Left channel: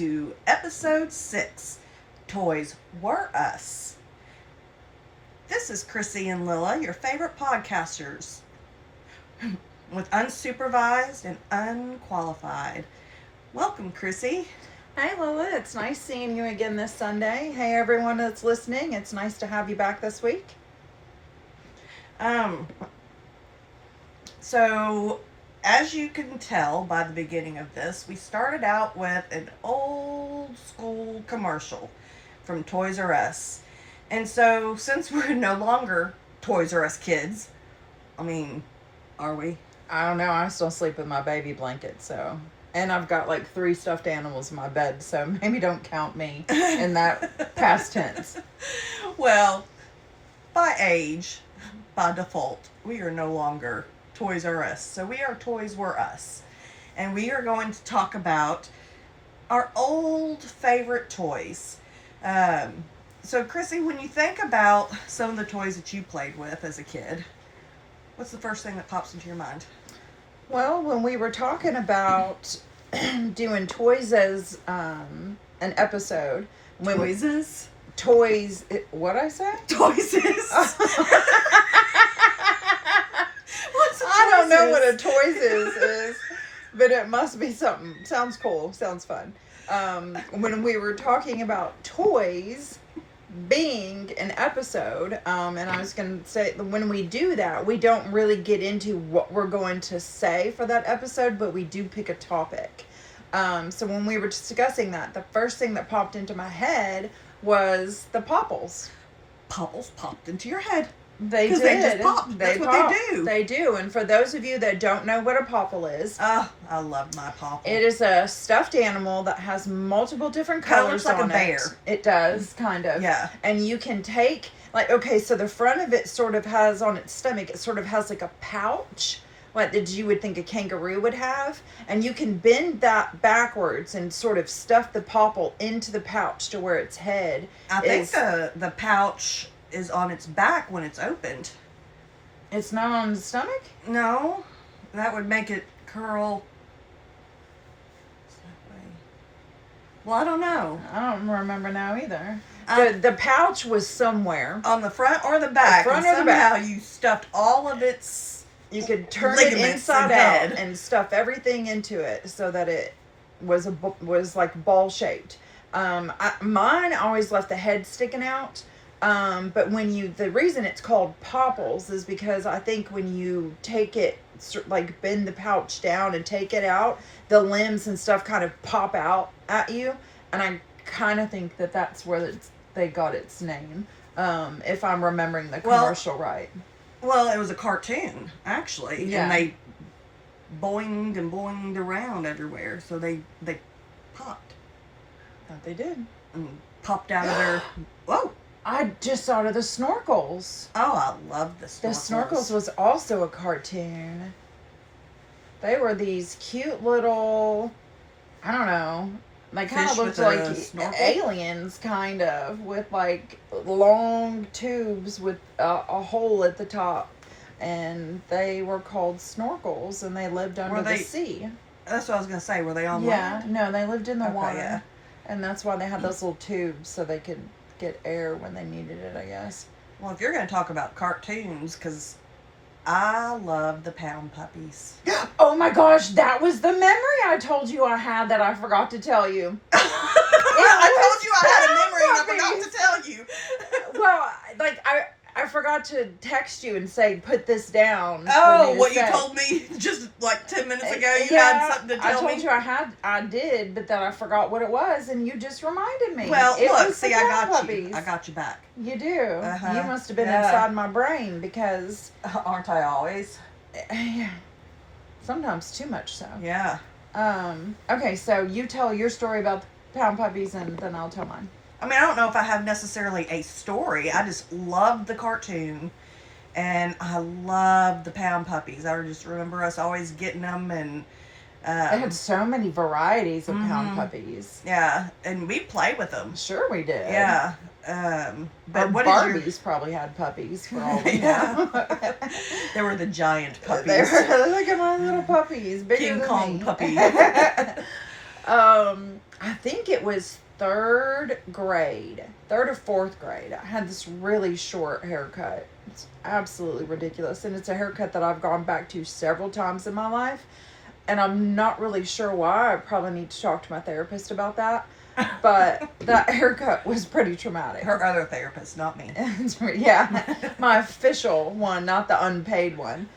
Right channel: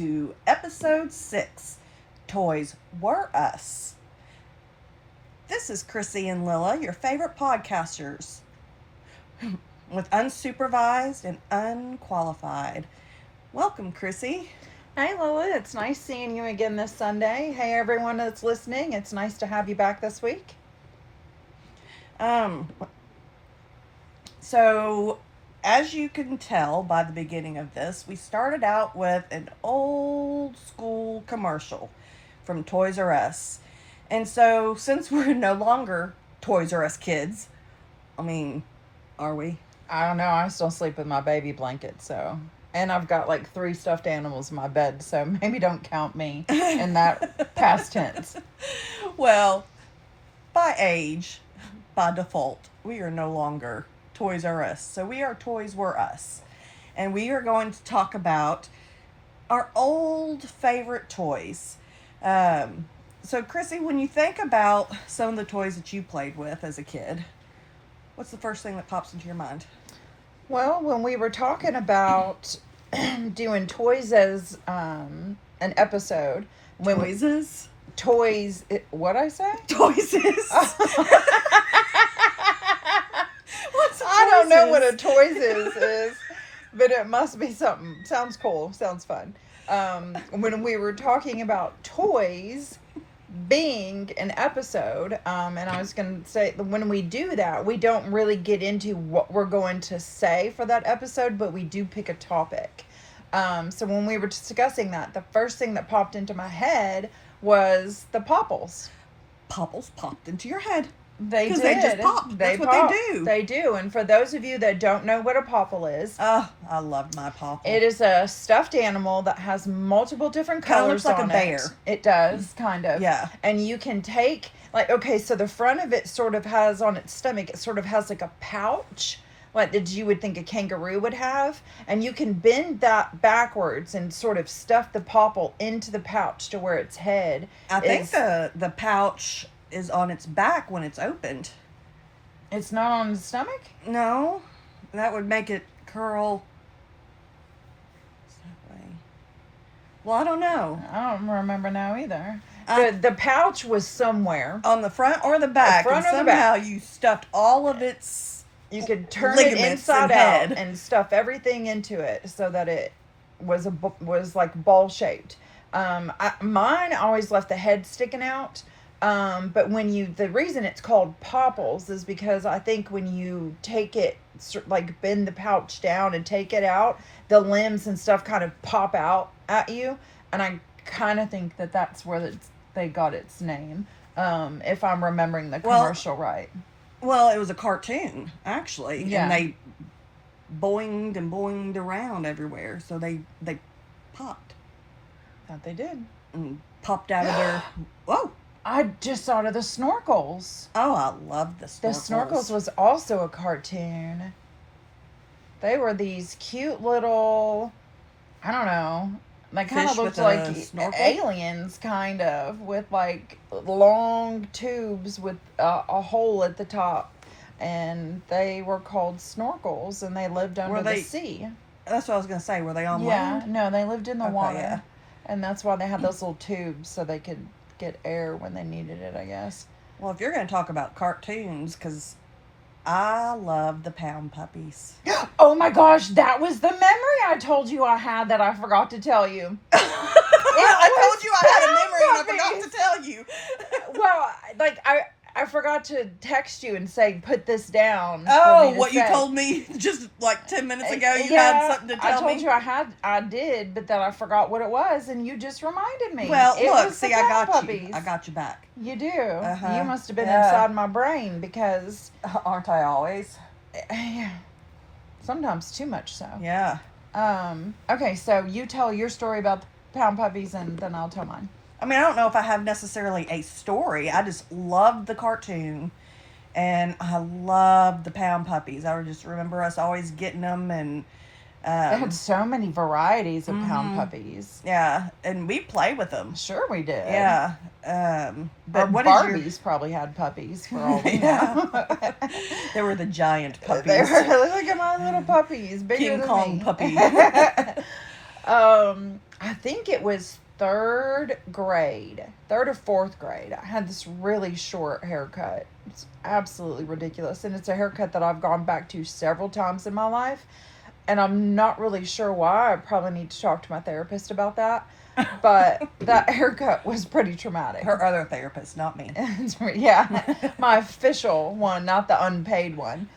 to episode 6, Toys Were Us. This is Chrissy and Lilla, your favorite podcasters, with unsupervised and unqualified. Welcome, Chrissy. Hey Lila, it's nice seeing you again this Sunday. Hey everyone that's listening, it's nice to have you back this week. So, as you can tell by the beginning of this, we started out with an old school commercial from Toys R Us. And so, since we're no longer Toys R Us kids, are we? I don't know, I still sleep with my baby blanket, so. And I've got like 3 stuffed animals in my bed, so maybe don't count me in that past tense. Well, by age, by default, we are no longer Toys R Us. So we are Toys Were Us. And we are going to talk about our old favorite toys. So Chrissy, when you think about some of the toys that you played with as a kid, what's the first thing that pops into your mind? Well, when we were talking about doing toys as an episode, what'd I say? Toys-is. I don't know what a toys is, but it must be something. Sounds cool. Sounds fun. When we were talking about toys being an episode, and I was going to say, when we do that, we don't really get into what we're going to say for that episode, but we do pick a topic. So when we were discussing that, the first thing that popped into my head was the Popples. Popples popped into your head. They did. They just pop. That's what they do. They do. And for those of you that don't know what a Popple is, oh, I love my Popple. It is a stuffed animal that has multiple different colors. Kind of looks like a bear. It does, kind of. Yeah. And you can take, so the front of it sort of has on its stomach, it sort of has like a pouch, like that you would think a kangaroo would have. And you can bend that backwards and sort of stuff the Popple into the pouch to where its head I think the pouch is on its back when it's opened. It's not on the stomach? No, that would make it curl. Well, I don't know. I don't remember now either. The pouch was somewhere. On the front or the back. The front and or the somehow back. You stuffed all of its You could turn it inside out and stuff everything into it so that it was like ball shaped. Mine always left the head sticking out. But the reason it's called Popples is because I think when you take it, like bend the pouch down and take it out, the limbs and stuff kind of pop out at you. And I kind of think that that's where they got its name, if I'm remembering the commercial right. Well, it was a cartoon, actually. Yeah. And they boinged and boinged around everywhere. So they popped. That they did. And popped out of their... Whoa! I just thought of the Snorkels. Oh, I love the Snorkels. The Snorkels was also a cartoon. They were these cute little, I don't know, they kind of looked like aliens, kind of, with like long tubes with a hole at the top. And they were called Snorkels, and they lived under the sea. That's what I was going to say. Were they on land? Yeah, no, they lived in the water. Yeah. And that's why they had those little tubes, so they could get air when they needed it, I guess. Well, if you're going to talk about cartoons, because I love the Pound Puppies. Oh my gosh, that was the memory I told you I had that I forgot to tell you. I told you I had a memory and I forgot to tell you. Well, I forgot to text you and say, put this down. Oh, what you told me just like 10 minutes ago, you had something to tell me? I told you I did, but then I forgot what it was, and you just reminded me. Well, look, see, I got puppies. you. I got you back. You do. Uh-huh. You must have been inside my brain because... Aren't I always? Sometimes too much so. Yeah. Okay, so you tell your story about the Pound Puppies, and then I'll tell mine. I mean, I don't know if I have necessarily a story. I just loved the cartoon, and I loved the Pound Puppies. I just remember us always getting them, and they had so many varieties of Pound Puppies. Yeah, and we played with them. Sure, we did. Yeah, but or what Barbies is probably had puppies for all we know. They were the giant puppies. They were like little puppies, bigger King than Kong me. puppy. I think it was third or fourth grade. I had this really short haircut. It's absolutely ridiculous. And it's a haircut that I've gone back to several times in my life. And I'm not really sure why. I probably need to talk to my therapist about that. But that haircut was pretty traumatic. Her other therapist, not me. Yeah, my official one, not the unpaid one.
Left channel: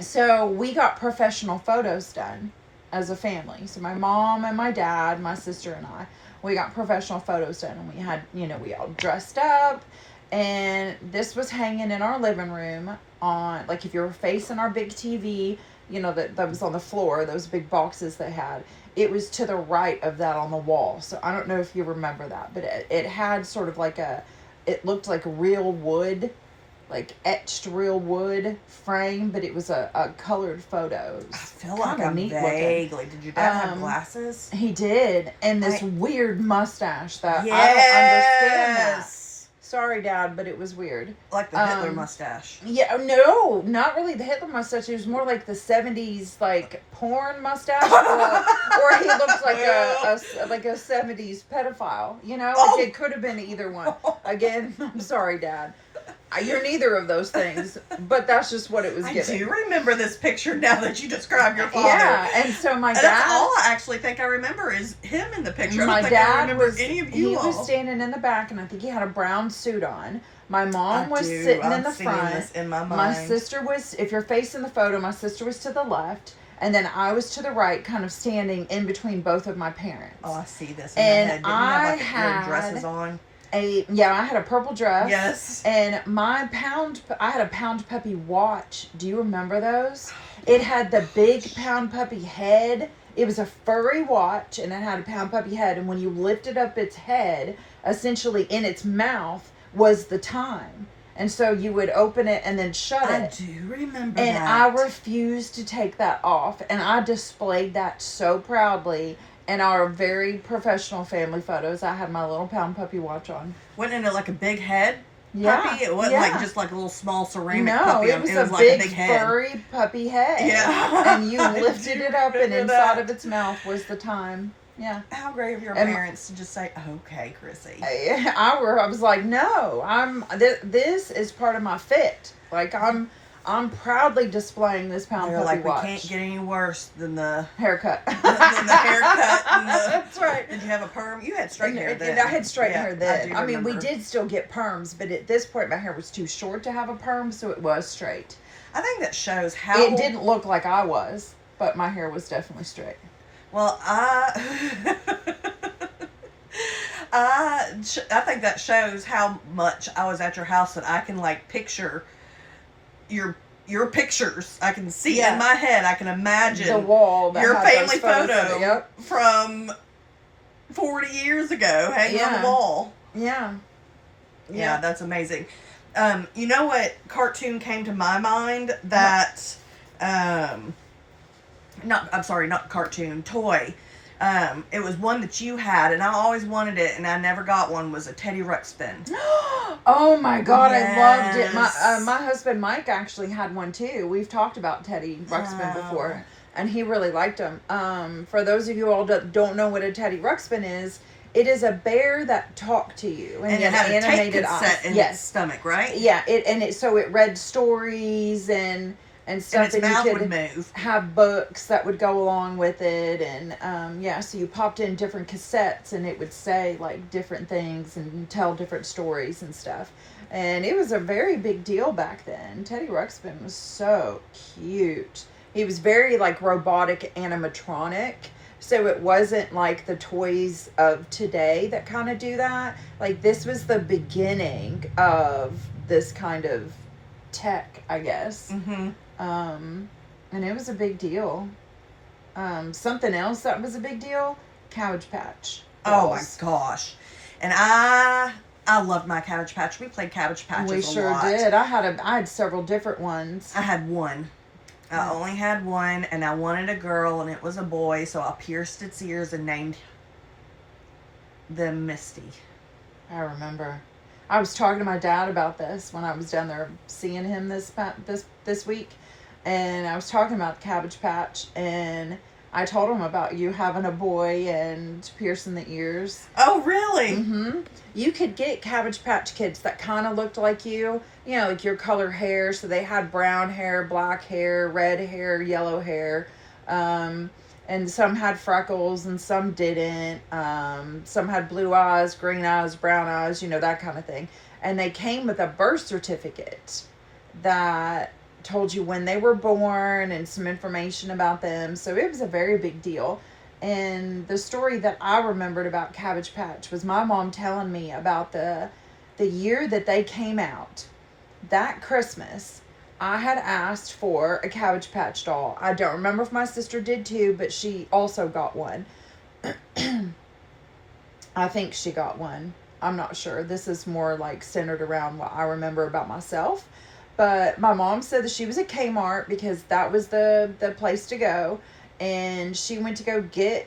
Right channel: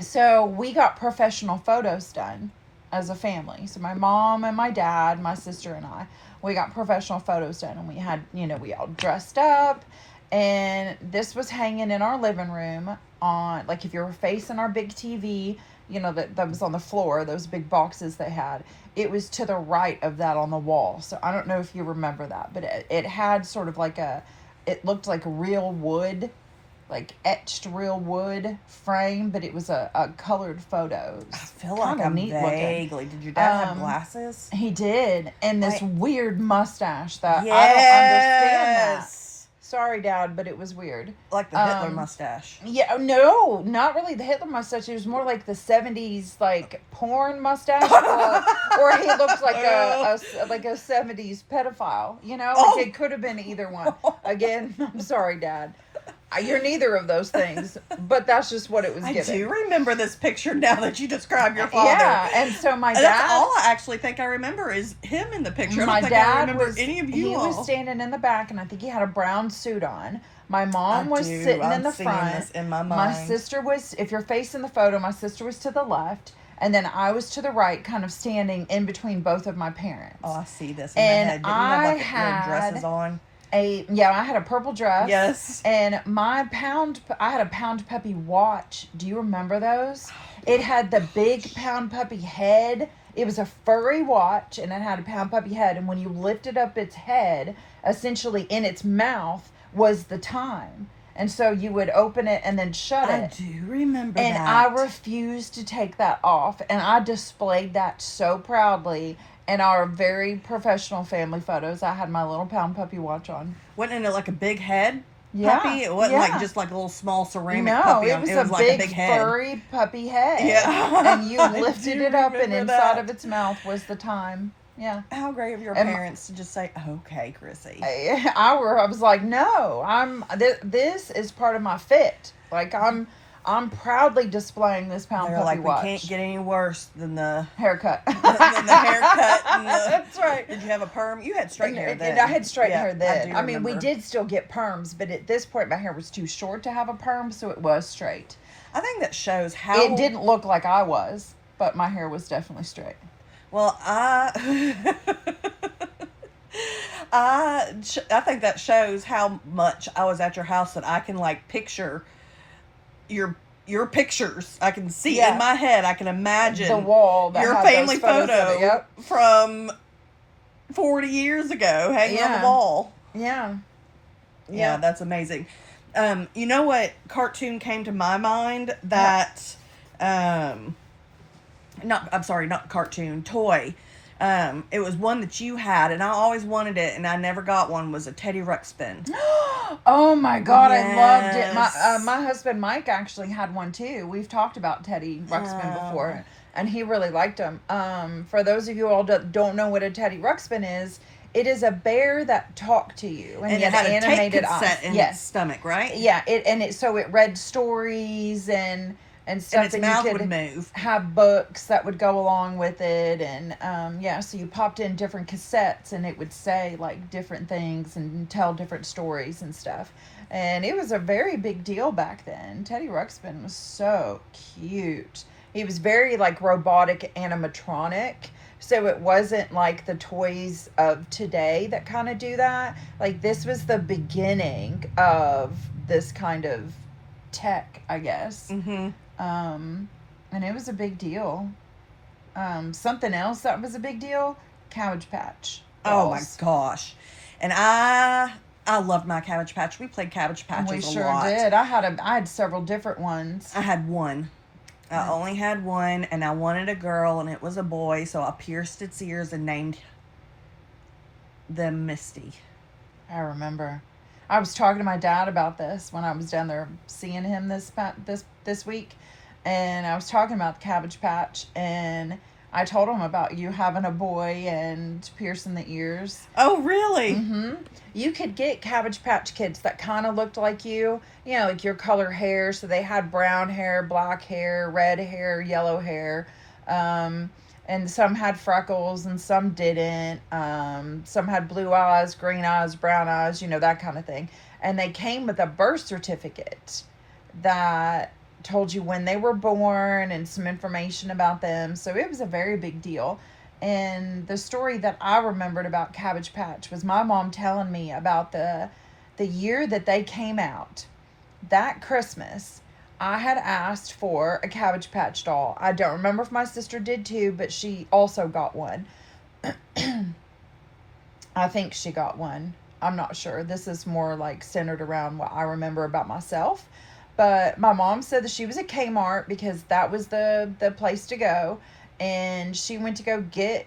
So we got professional photos done as a family. So my mom and my dad, my sister and I, we got professional photos done. And we had, we all dressed up. And this was hanging in our living room on, like, if you were facing our big TV, that was on the floor, those big boxes they had. It was to the right of that on the wall. So I don't know if you remember that, but it had sort of like it looked like real wood, like etched real wood frame, but it was a colored photo. I feel like I'm vaguely. Did your dad have glasses? He did, and this weird mustache that I don't understand that. Sorry, Dad, but it was weird. Like the Hitler mustache. Yeah, no, not really the Hitler mustache. It was more like the 70s, like, porn mustache. Or he looked like a 70s pedophile, Like it could have been either one. Again, I'm sorry, Dad. You're neither of those things, but that's just what it was given. I do remember this picture now that you describe your father. Yeah, and so my dad... That's all I actually think I remember is him in the picture. I don't think I remember any of you all. He was standing in the back, and I think he had a brown suit on. My mom was sitting in the front. This in my mind. My sister was, if you're facing the photo, my sister was to the left, and then I was to the right, kind of standing in between both of my parents. Oh, I see this in my head. Didn't you have like dresses on? I had a purple dress. Yes. And I had a Pound Puppy watch. Do you remember those? It had the big Pound Puppy head. It was a furry watch, and it had a Pound Puppy head. And when you lifted up its head, essentially in its mouth was the time. And so you would open it and then shut it. I do remember and that. And I refused to take that off. And I displayed that so proudly. In our very professional family photos, I had my little Pound Puppy watch on. Wasn't it like a big head puppy? It wasn't like just like a little small ceramic puppy. It was like a big head. Furry puppy head. Yeah. And you lifted it up, and inside of its mouth was the time. Yeah. How great of your parents to just say, "Okay, Chrissy." I was like, no, this is part of my fit. Like I'm proudly displaying this Pound Puppy watch. We can't get any worse than the haircut. than the haircut. That's right. Did you have a perm? You had straight hair then. I had straight hair then. I mean, we did still get perms, but at this point, my hair was too short to have a perm, so it was straight. I think that shows how... It didn't look like I was, but my hair was definitely straight. Well, I think that shows how much I was at your house that I can, like, picture... your pictures. I can see in my head. I can imagine the wall your family photo from 40 years ago hanging on the wall. Yeah, that's amazing. You know what cartoon came to my mind that not cartoon, toy. It was one that you had, and I always wanted it, and I never got one, was a Teddy Ruxpin. Oh my God, yes. I loved it. My husband Mike actually had one too. We've talked about Teddy Ruxpin before, and he really liked them. For those of you all that don't know what a Teddy Ruxpin is, it is a bear that talked to you. And it had a tape cassette in its stomach, right? Yeah, so it read stories and stuff, and its mouth would move. Have books that would go along with it, and so you popped in different cassettes, and it would say like different things and tell different stories and stuff. And it was a very big deal back then. Teddy Ruxpin was so cute. He was very like robotic animatronic. So it wasn't like the toys of today that kind of do that. Like this was the beginning of this kind of tech, I guess. Mm-hmm. And it was a big deal. Something else that was a big deal, Cabbage Patch Dolls. Oh my gosh. And I loved my Cabbage Patch. We played Cabbage Patches a lot. We sure did. I had several different ones. I had one. I only had one, and I wanted a girl, and it was a boy, so I pierced its ears and named them Misty. I remember. I was talking to my dad about this when I was down there seeing him this week, and I was talking about the Cabbage Patch, and I told him about you having a boy and piercing the ears. Oh, really? Mm-hmm. You could get Cabbage Patch Kids that kind of looked like you know, like your color hair. So they had brown hair, black hair, red hair, yellow hair. And some had freckles and some didn't. Some had blue eyes, green eyes, brown eyes, you know, that kind of thing. And they came with a birth certificate that told you when they were born and some information about them. So it was a very big deal. And the story that I remembered about Cabbage Patch was my mom telling me about the year that they came out. That Christmas, I had asked for a Cabbage Patch doll. I don't remember if my sister did too, but she also got one. I think she got one. I'm not sure. This is more like centered around what I remember about myself. But my mom said that she was at Kmart because that was the place to go. And she went to go get,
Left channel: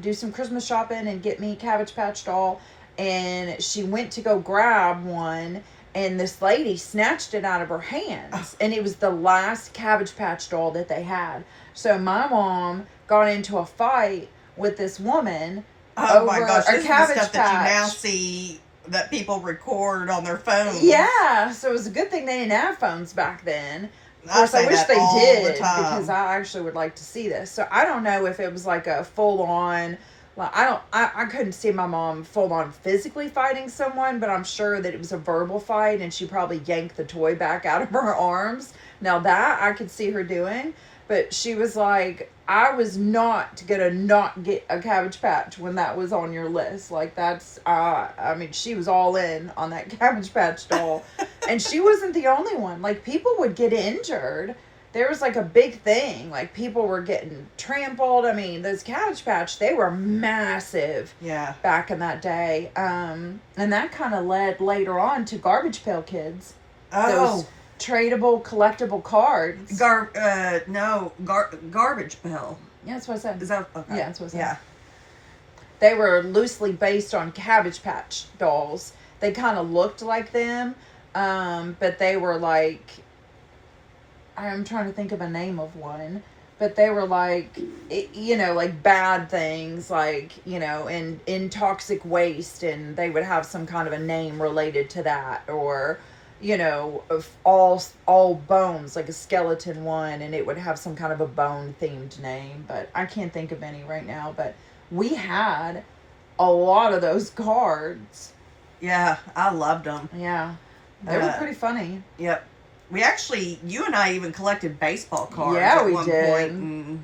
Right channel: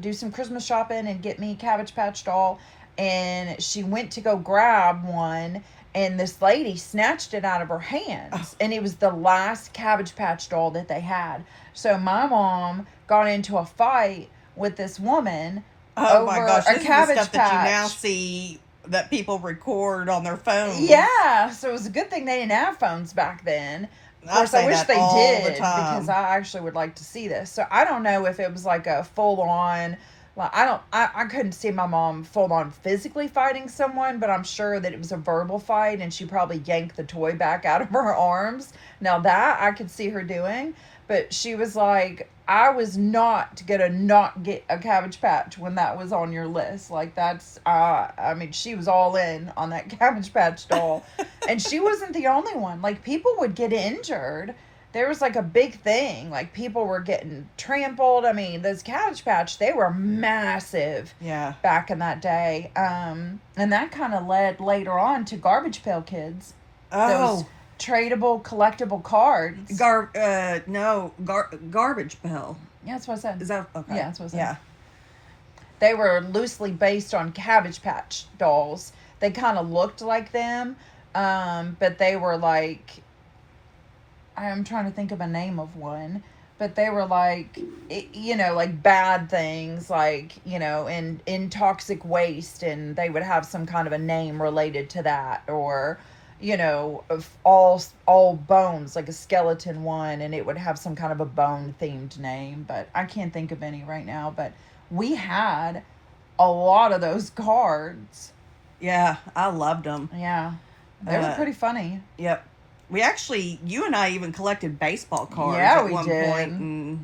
do some Christmas shopping and get me a Cabbage Patch doll. And she went to go grab one. And this lady snatched it out of her hands. And it was the last Cabbage Patch doll that they had. So my mom got into a fight with this woman. Oh my gosh, this is the stuff Patch. that you now see that people record on their phones. Yeah, so it was a good thing they didn't have phones back then. Of course, I wish they did because I actually would like to see this. So I don't know if it was like a full on, like I couldn't see my mom full on physically fighting someone, but I'm sure that it was a verbal fight and she probably yanked the toy back out of her arms. Now that I could see her doing, but she was like, I was not gonna not get a Cabbage Patch when that was on your list. Like that's, I mean, she was all in on that Cabbage Patch doll, and she wasn't the only one. Like people would get injured. There was like a big thing. Like people were getting trampled. I mean, those Cabbage Patch, they were massive. Yeah. Back in that day, and that kind of led later on to Garbage Pail Kids. Oh. Those tradable, collectible cards. Garbage Pail. Yeah, that's what I said. Is that okay? Yeah, that's what I said. Yeah. They were loosely based on Cabbage Patch dolls. They kind of looked like them, but they were like, I'm trying to think of a name of one, but they were like, you know, like bad things, like, you know, in toxic waste, and they would have some kind of a name related to that, or, you know, of all bones, like a skeleton one, and it would have some kind of a bone themed name, but I can't think of any right now. But we had a lot of those cards. Yeah, I loved them. Yeah, they were pretty funny. Yep. We actually, you and I even collected baseball cards yeah, at we one did. point.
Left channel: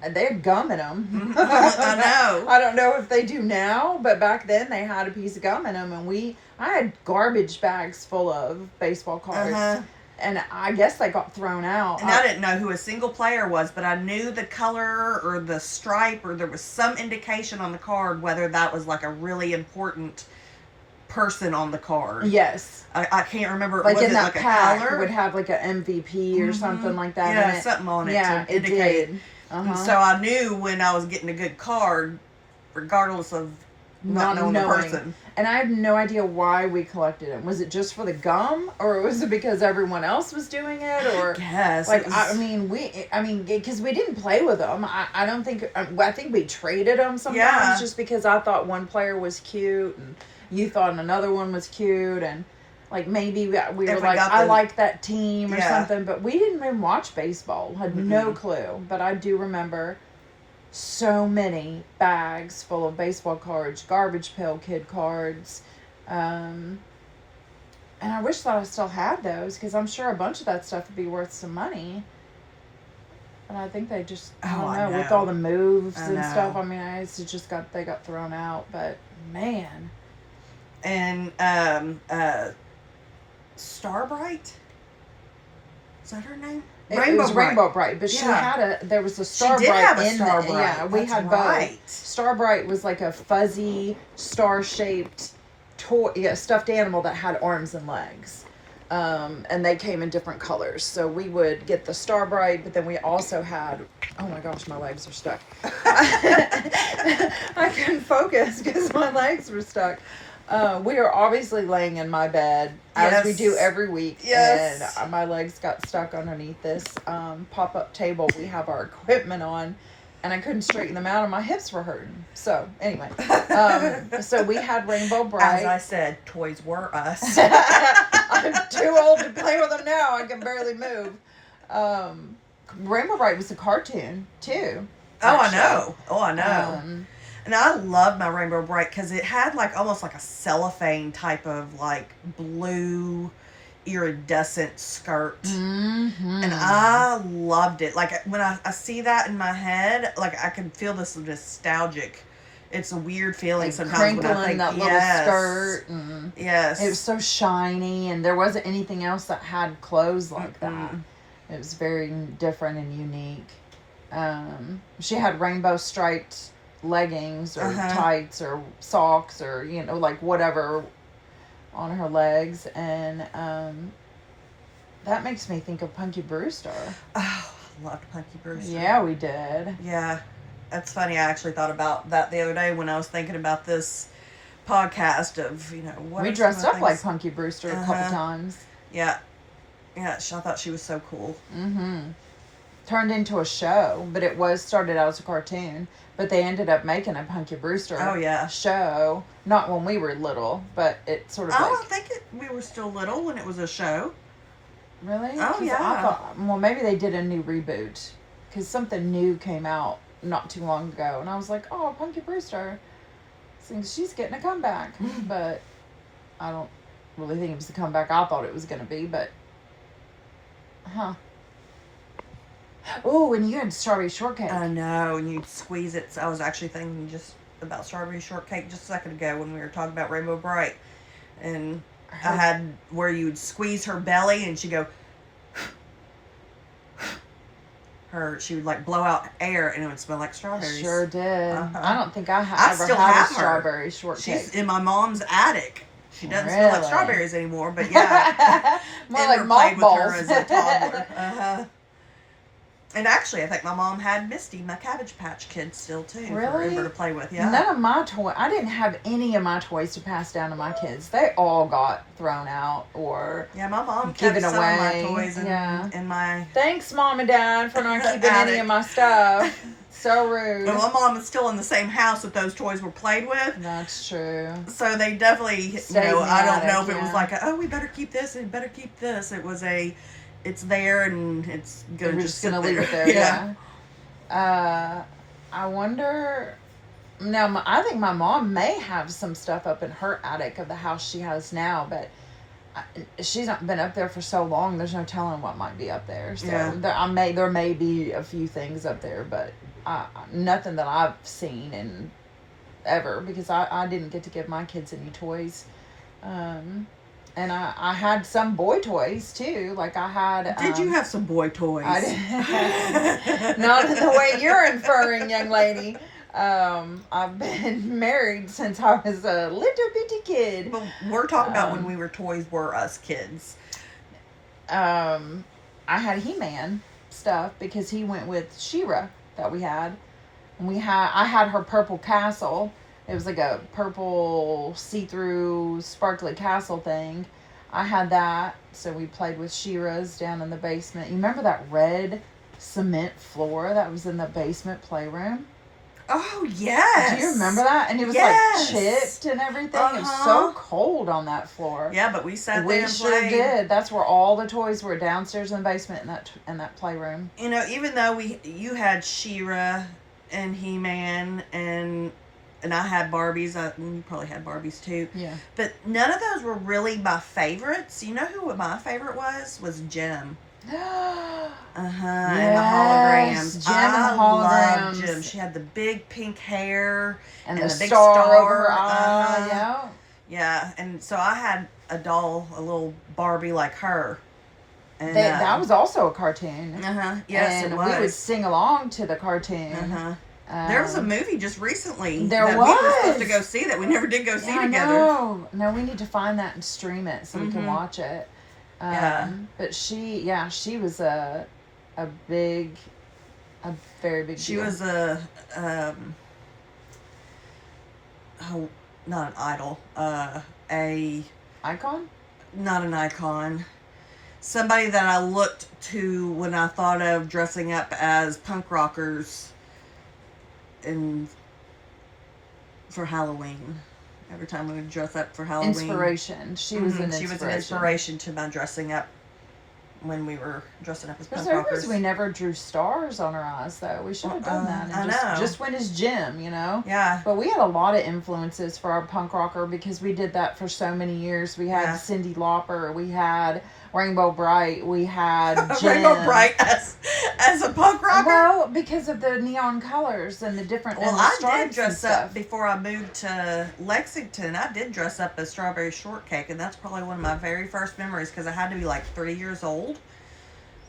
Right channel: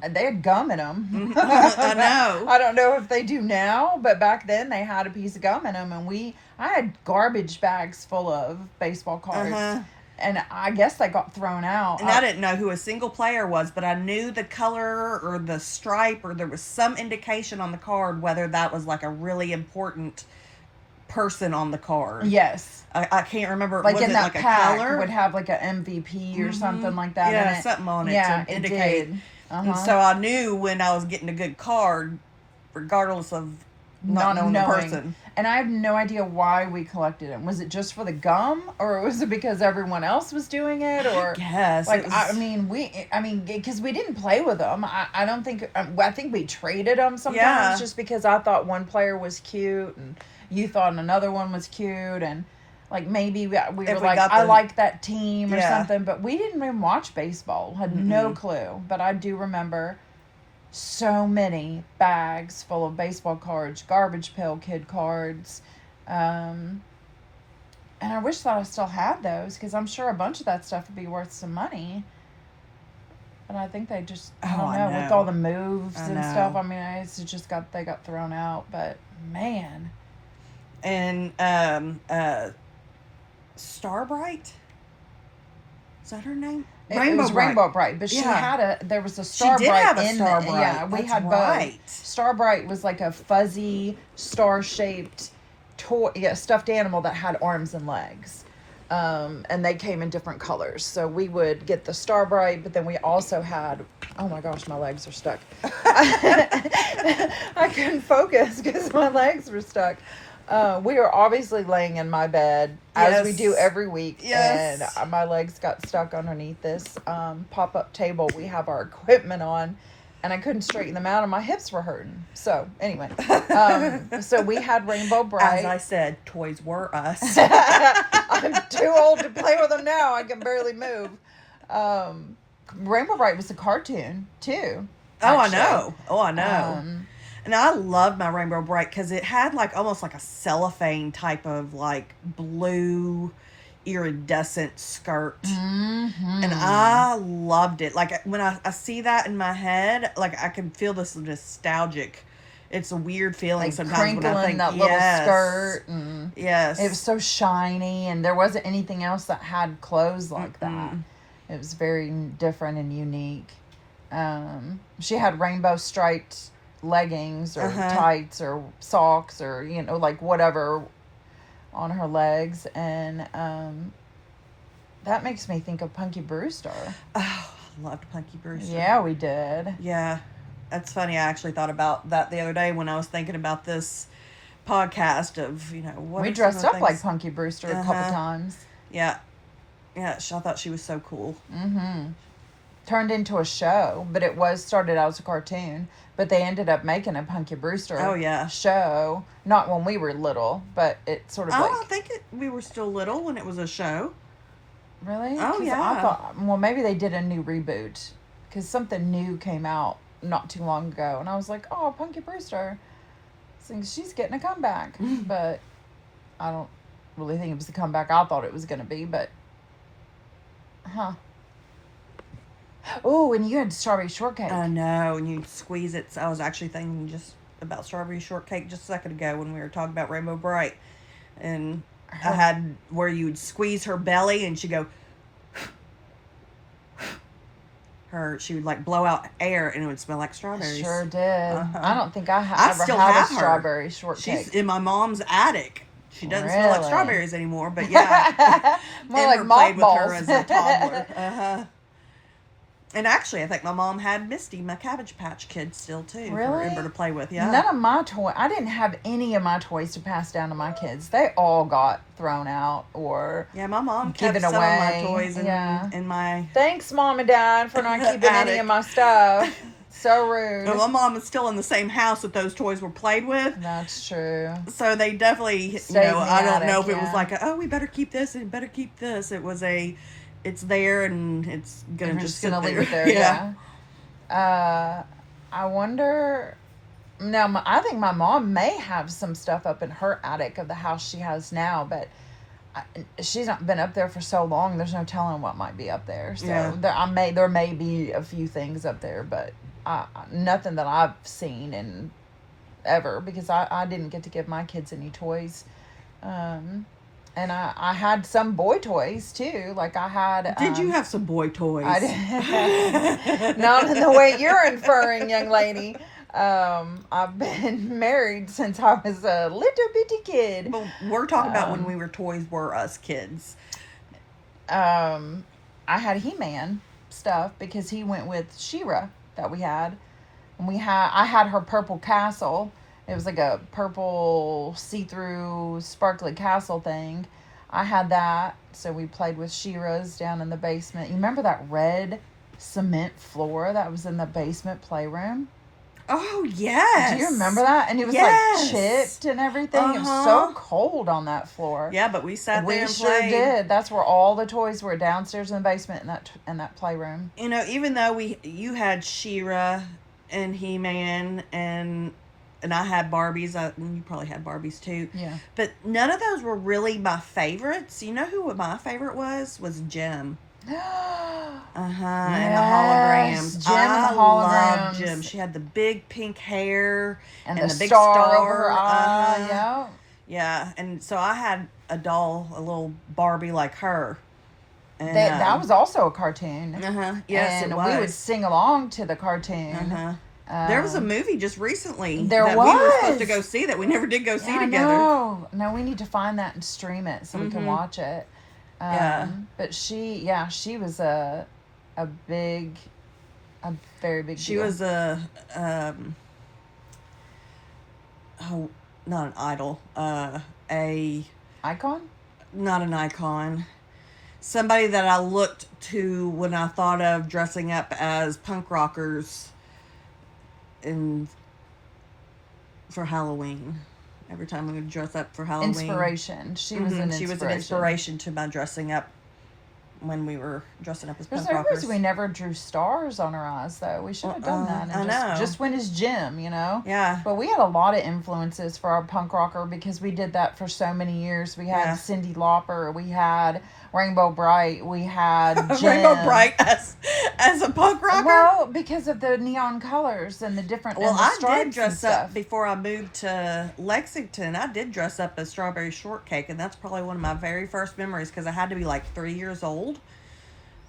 And they had gum in them. I know. I don't know if they do now, but back then they had a piece of gum in them, and I had garbage bags full of baseball cards. Uh-huh. And I guess they got thrown out. And I didn't know who a single player was, but I knew the color or the stripe, or there was some indication on the card whether that was like a really important person on the card. Yes. I can't remember. Like was in it that like pack, a color? it would have like an MVP or something like that. Yeah, in it. something on it Yeah, to indicate. It did. And so I knew when I was getting a good card, regardless of not knowing the person. And I have no idea why we collected them. Was it just for the gum, or was it because everyone else was doing it, or yes? Like I mean, because we didn't play with them. I don't think. I think we traded them sometimes just because I thought one player was cute and you thought another one was cute, and like maybe we were like, I like that team or something, but we didn't even watch baseball. Had no clue. But I do remember so many bags full of baseball cards, Garbage Pail Kid cards, and I wish that I still had those, because I'm sure a bunch of that stuff would be worth some money. And I think they just, I don't know, with all the moves and stuff. I mean, they got thrown out. But man. And Starbright, is that her name? It was Rainbow Bright, but there was a Starbright. She did have a Starbright. Yeah, we had both. Starbright was like a fuzzy, star-shaped toy, stuffed animal that had arms and legs. And they came in different colors. So we would get the Starbright, but then we also had, oh my gosh, my legs are stuck. I couldn't focus because my legs were stuck. We are obviously laying in my bed as we do every week. Yes. And my legs got stuck underneath this pop-up table we have our equipment on. and I couldn't straighten them out, and my hips were hurting. So anyway, so we had Rainbow Bright. As I said, toys were us. I'm too old to play with them now. I can barely move. Rainbow Bright was a cartoon too. Actually. Oh, I know. And I loved my Rainbow Bright because it had like almost like a cellophane type of like blue iridescent skirt. And I loved it. Like when I see that in my head, like I can feel this nostalgic. It's a weird feeling like sometimes when I think that little skirt. Yes. It was so shiny, and there wasn't anything else that had clothes like that. It was very different and unique. She had rainbow striped leggings or tights or socks or like whatever on her legs, and that makes me think of Punky Brewster. Oh, I loved Punky Brewster. Yeah, we did. Yeah, that's funny. I actually thought about that the other day when I was thinking about this podcast of what we dressed up like Punky Brewster a couple times. Yeah, I thought she was so cool. Turned into a show, but it started out as a cartoon, but they ended up making a Punky Brewster show. Not when we were little, but it sort of I don't think we were still little when it was a show. Really? Oh, yeah. Well, maybe they did a new reboot, because something new came out not too long ago, and I was like, oh, Punky Brewster. She's getting a comeback, but I don't really think it was the comeback I thought it was going to be, but Oh, and you had strawberry shortcake. I know, and you'd squeeze it. So I was actually thinking just about strawberry shortcake just a second ago when we were talking about Rainbow Bright. And I had where you would squeeze her belly and she'd go... She would like blow out air and it would smell like strawberries. Sure did. I don't think I ever still had have a strawberry shortcake. She's in my mom's attic. She doesn't smell like strawberries anymore, but yeah. More like played with her mothballs. as a toddler. And actually, I think my mom had Misty, my Cabbage Patch Kid, still too. Really? For Ember to play with. Yeah. None of my toys. I didn't have any of my toys to pass down to my kids. They all got thrown out or my mom given kept some away. of my toys in my. Thanks, Mom and Dad, for not keeping any of my stuff. So rude. And my mom is still in the same house that those toys were played with. That's true. So they definitely, I don't know if it was like, we better keep this and better keep this. It was it's there and it's gonna just sit leave it there. Yeah. I wonder. Now, I think my mom may have some stuff up in her attic of the house she has now, but she's not been up there for so long. There's no telling what might be up there. So there may be a few things up there, but nothing that I've seen in ever, because I didn't get to give my kids any toys. And I had some boy toys too. Like I had. Did you have some boy toys? I did. Not in the way you're inferring, young lady. I've been married since I was a little bitty kid. Well, we're talking about when we were Toys Were Us kids. I had He-Man stuff because he went with She-Ra that we had. And I had her purple castle. It was like a purple see-through sparkly castle thing. I had that, so we played with She-Ra's down in the basement. You remember that red cement floor that was in the basement playroom? Oh, yes. Do you remember that? And it was like chipped and everything. It was so cold on that floor. Yeah, but we sat there and sure played. Did. That's where all the toys were, downstairs in the basement in that playroom. Even though you had She-Ra and He-Man and I had Barbies. You probably had Barbies too. Yeah. But none of those were really my favorites. You know who my favorite was? Was Jem. Yes, And the holograms. Jem and loved Jem. She had the big pink hair and the big star star. over her eye. Yeah. Yeah, and so I had a little Barbie like her. And that was also a cartoon. Yes, and it was. we would sing along to the cartoon. There was a movie just recently that we were supposed to go see that we never did go see together. No, we need to find that and stream it so we can watch it. But she was a very big She deal. was not an idol, a icon? Not an icon. Somebody that I looked to when I thought of dressing up as punk rockers in for Halloween. Every time we would dress up for Halloween. Inspiration. She was an inspiration. She was an inspiration to my dressing up when we were dressing up as punk rockers. We never drew stars on our eyes, though. We should have done that. I know. Just went as Jim, you know? Yeah. But we had a lot of influences for our punk rocker because we did that for so many years. We had Cyndi Lauper. We had Rainbow Bright. We had Jim. Rainbow Bright as a punk rocker? Well, because of the neon colors and the different Well, I stripes did dress and up stuff. before I moved to Lexington. I did dress up as Strawberry Shortcake, and that's probably one of my very first memories because I had to be like 3 years old.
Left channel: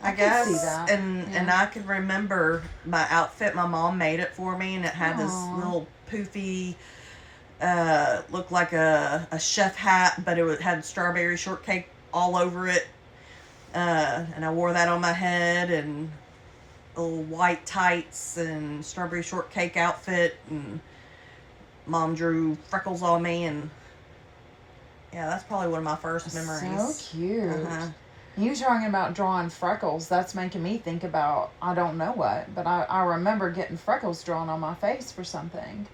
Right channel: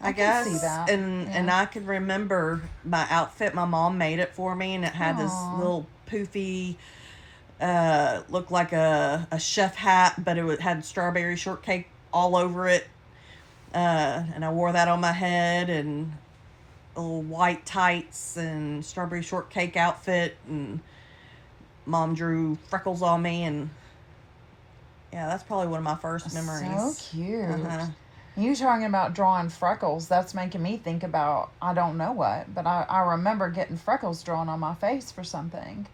I guess. See that. And I can remember my outfit. My mom made it for me, and it had this little poofy, looked like a chef hat, but it had strawberry shortcake all over it. And I wore that on my head, and little white tights and strawberry shortcake outfit, and Mom drew freckles on me, and yeah, that's probably one of my first memories. So cute. You talking about drawing freckles, that's making me think about I don't know what, but I remember getting freckles drawn on my face for something.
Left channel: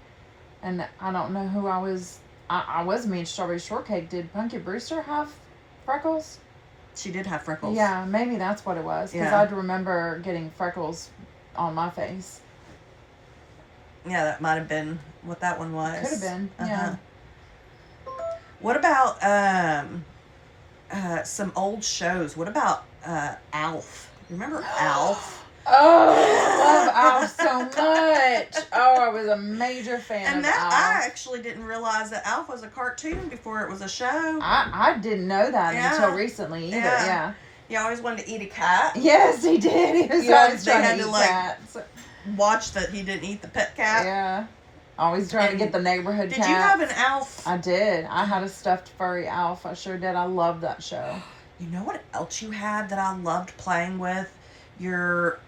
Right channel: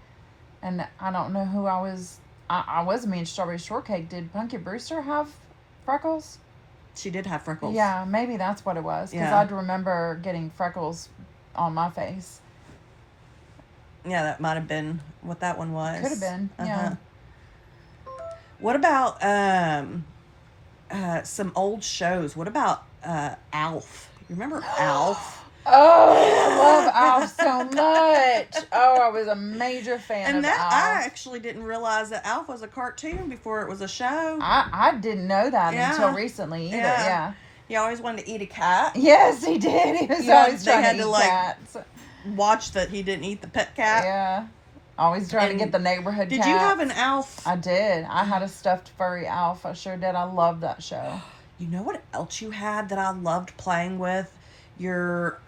And I don't know who I was. I was me and Strawberry Shortcake. Did Punky Brewster have freckles? She did have freckles. Yeah, maybe that's what it was. Because I'd remember getting freckles on my face. Yeah, that might have been what that one was. Could have been, yeah. What about some old shows? What about Alf? You remember Alf? Oh, I love Alf so much. Oh, I was a major fan of Alf. I actually didn't realize that Alf was a cartoon before it was a show. I didn't know that until recently either. Yeah. He always wanted to eat a cat. Yes, he did. He was always they trying had to to eat like cats. watch that he didn't eat the pet cat. Yeah. Always trying to get the neighborhood Did cat. you have an Alf? I did. I had a stuffed furry Alf. I sure did. I loved that show. You know what else you had that I loved playing with? Your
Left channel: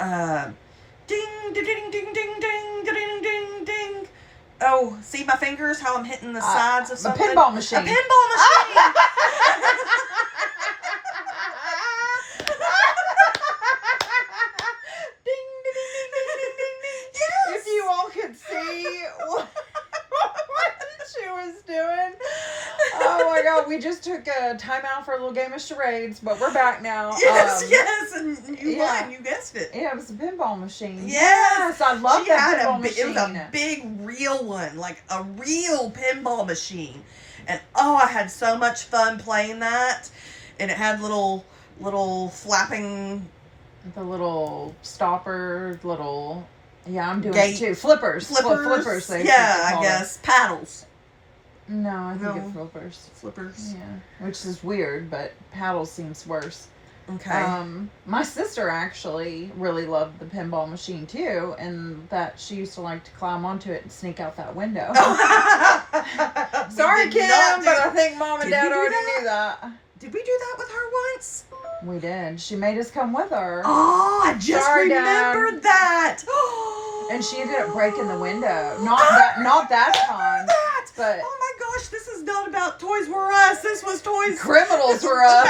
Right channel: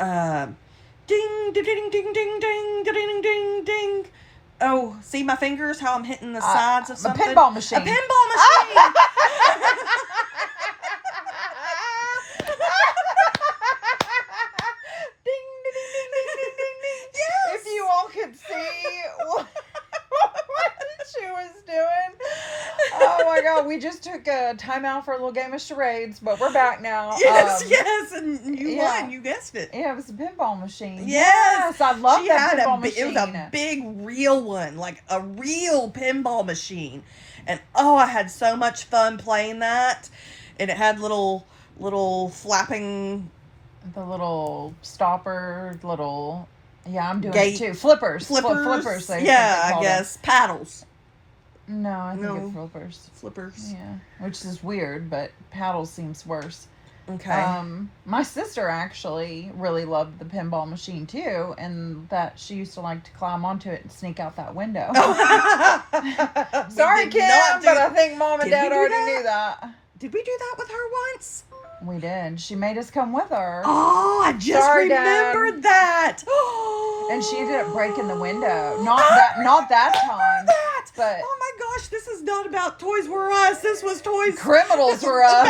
ding ding ding ding ding ding ding ding ding. Oh, see my fingers? How I'm hitting the sides of something? A pinball machine. A pinball machine. Ding ding ding ding ding ding ding. Yes. If you all could see what she was doing. Oh my God, we just took a time out for a little game of charades, but we're back now. Yes, and you won. You guessed it. Yeah, it was a pinball machine. Yes, I love that pinball machine. It was a big, real one, like a real pinball machine, and I had so much fun playing that. And it had little flapping, the little stopper, Yeah, I'm doing gate, it too. Flippers. Flippers. I guess paddles. No, I think it's flippers. Flippers. Yeah, which is weird, but paddles seems worse. Okay. My sister actually really loved the pinball machine too, and that she used to like to climb onto it and sneak out that window. Sorry, Kim, but I think Mom and Dad already knew that. Did we do that with her once? We did. She made us come with her. Oh, I just remembered that. And she ended up breaking the window. Not that time. But oh my gosh, this is not about Toys Were Us. This was Toys. Criminals Were Us.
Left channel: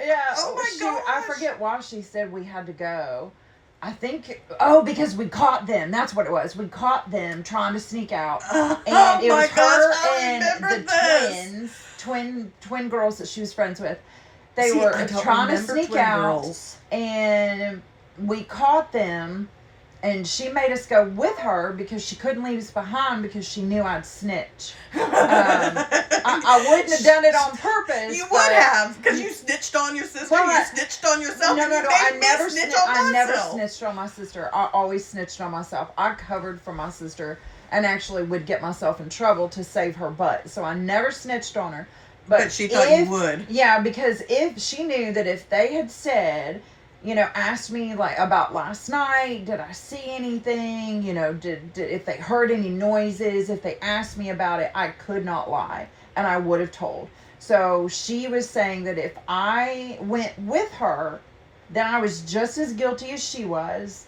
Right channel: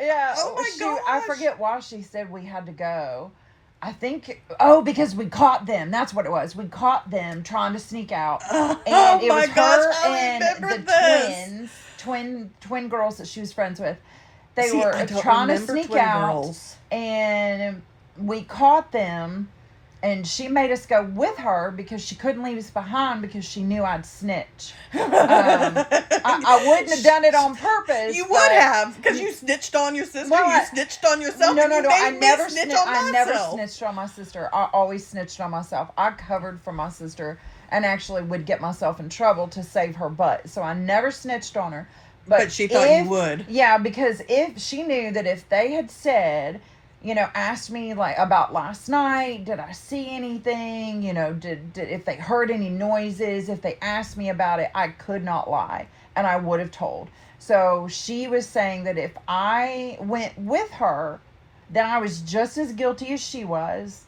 Yeah. Oh my gosh. I forget why she said we had to go. I think because we caught them. That's what it was. We caught them trying to sneak out, and it was her and the twin girls that she was friends with. They were trying to sneak out, and we caught them. And she made us go with her because she couldn't leave us behind because she knew I'd snitch. I wouldn't have done it on purpose. You would have, because you snitched on your sister. No, you snitched on yourself. No. I never snitched on my sister. I always snitched on myself. I covered for my sister and actually would get myself in trouble to save her butt. So I never snitched on her. But she thought you would. Yeah, because if she knew that if they had said, asked me like about last night, did I see anything, did if they heard any noises, if they asked me about it, I could not lie and I would have told. So she was saying that if I went with her, then I was just as guilty as she was,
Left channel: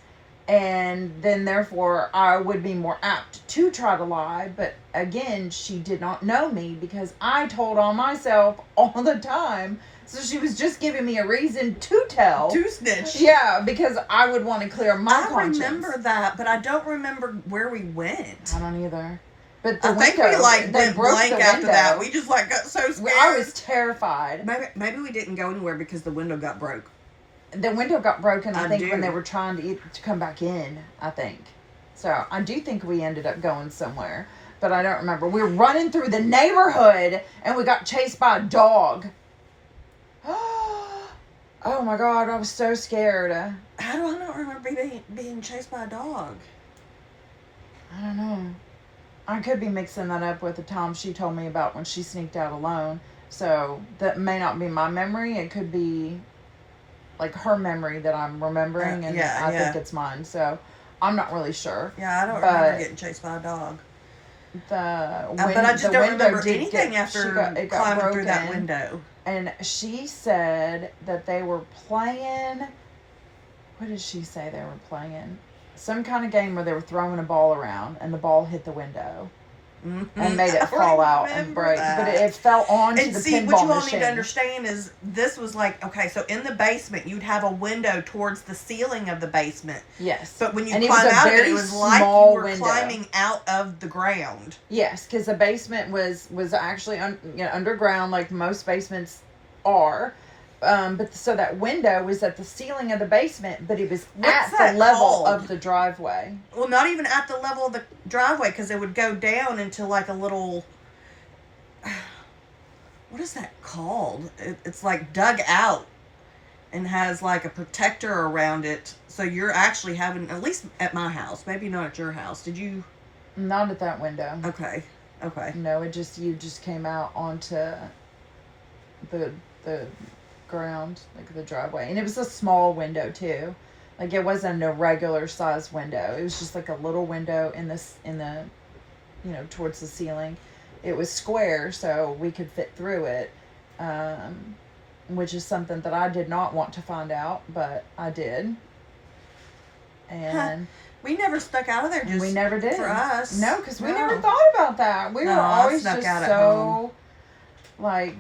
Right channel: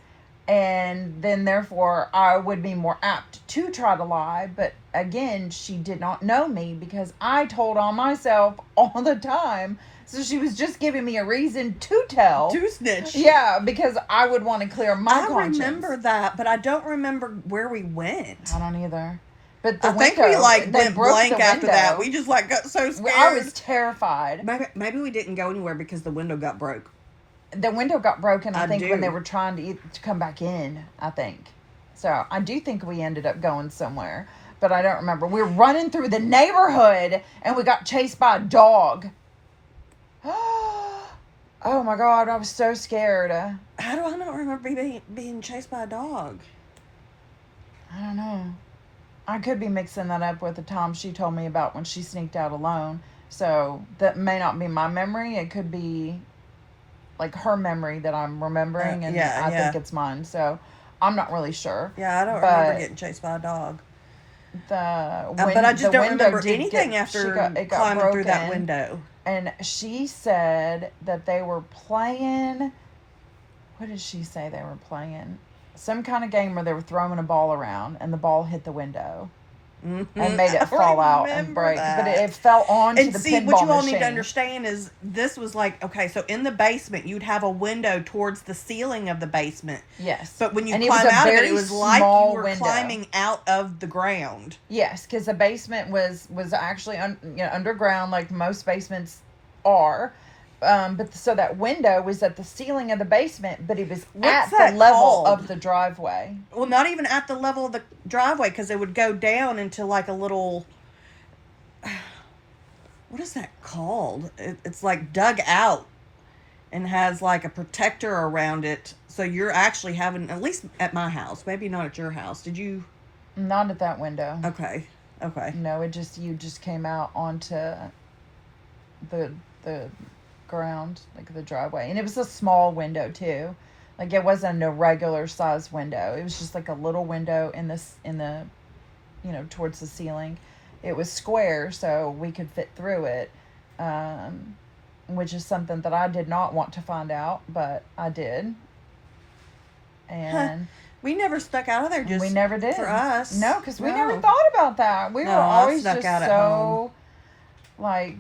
And then therefore I would be more apt to try to lie. But again, she did not know me because I told on myself all the time. So she was just giving me a reason to tell. To snitch. Yeah, because I would want to clear my conscience. I remember that, but I don't remember where we went. I don't either. But I think we went blank after that. We just got so scared. I was terrified. Maybe we didn't go anywhere because the window got broke. The window got broken, I think, when they were trying to come back in, I think. So I do think we ended up going somewhere, but I don't remember. We were running through the neighborhood, and we got chased by a dog. Oh my God, I was so scared. How do I not remember being chased by a dog? I don't know. I could be mixing that up with the time she told me about when she sneaked out alone. So that may not be my memory. It could be like her memory that I'm remembering, and I think it's mine. So I'm not really sure. Yeah, I don't remember getting chased by a dog. But I just don't remember anything after climbing through that window. And she said that they were playing. What did she say they were playing? Some kind of game where they were throwing a ball around, and the ball hit the window. Mm-hmm. And made it fall out and break. That. But it fell onto the pinball machine. And see, what you all need to understand is this was like, okay, so in the basement, you'd have a window towards the ceiling of the basement. Yes. But when you climb out of it was like you were climbing out of the ground. Yes, because the basement was actually underground, like most basements are. But so that window was at the ceiling of the basement, but it was at the level of the driveway. Well, not even at the level of the driveway, because it would go down into like a little. What is that called? It's like dug out, and has like a protector around it. So you're actually having, at least at my house, maybe not at your house. Did you? Not at that window. Okay. No, you just came out onto the ground, like the driveway, and it was a small window too. Like it wasn't a regular size window. It was just like a little window in the towards the ceiling. It was square, so we could fit through it, which is something that I did not want to find out, but I did. And we never stuck out of there. We never did for us. No, because we never thought about that. We were always just so like.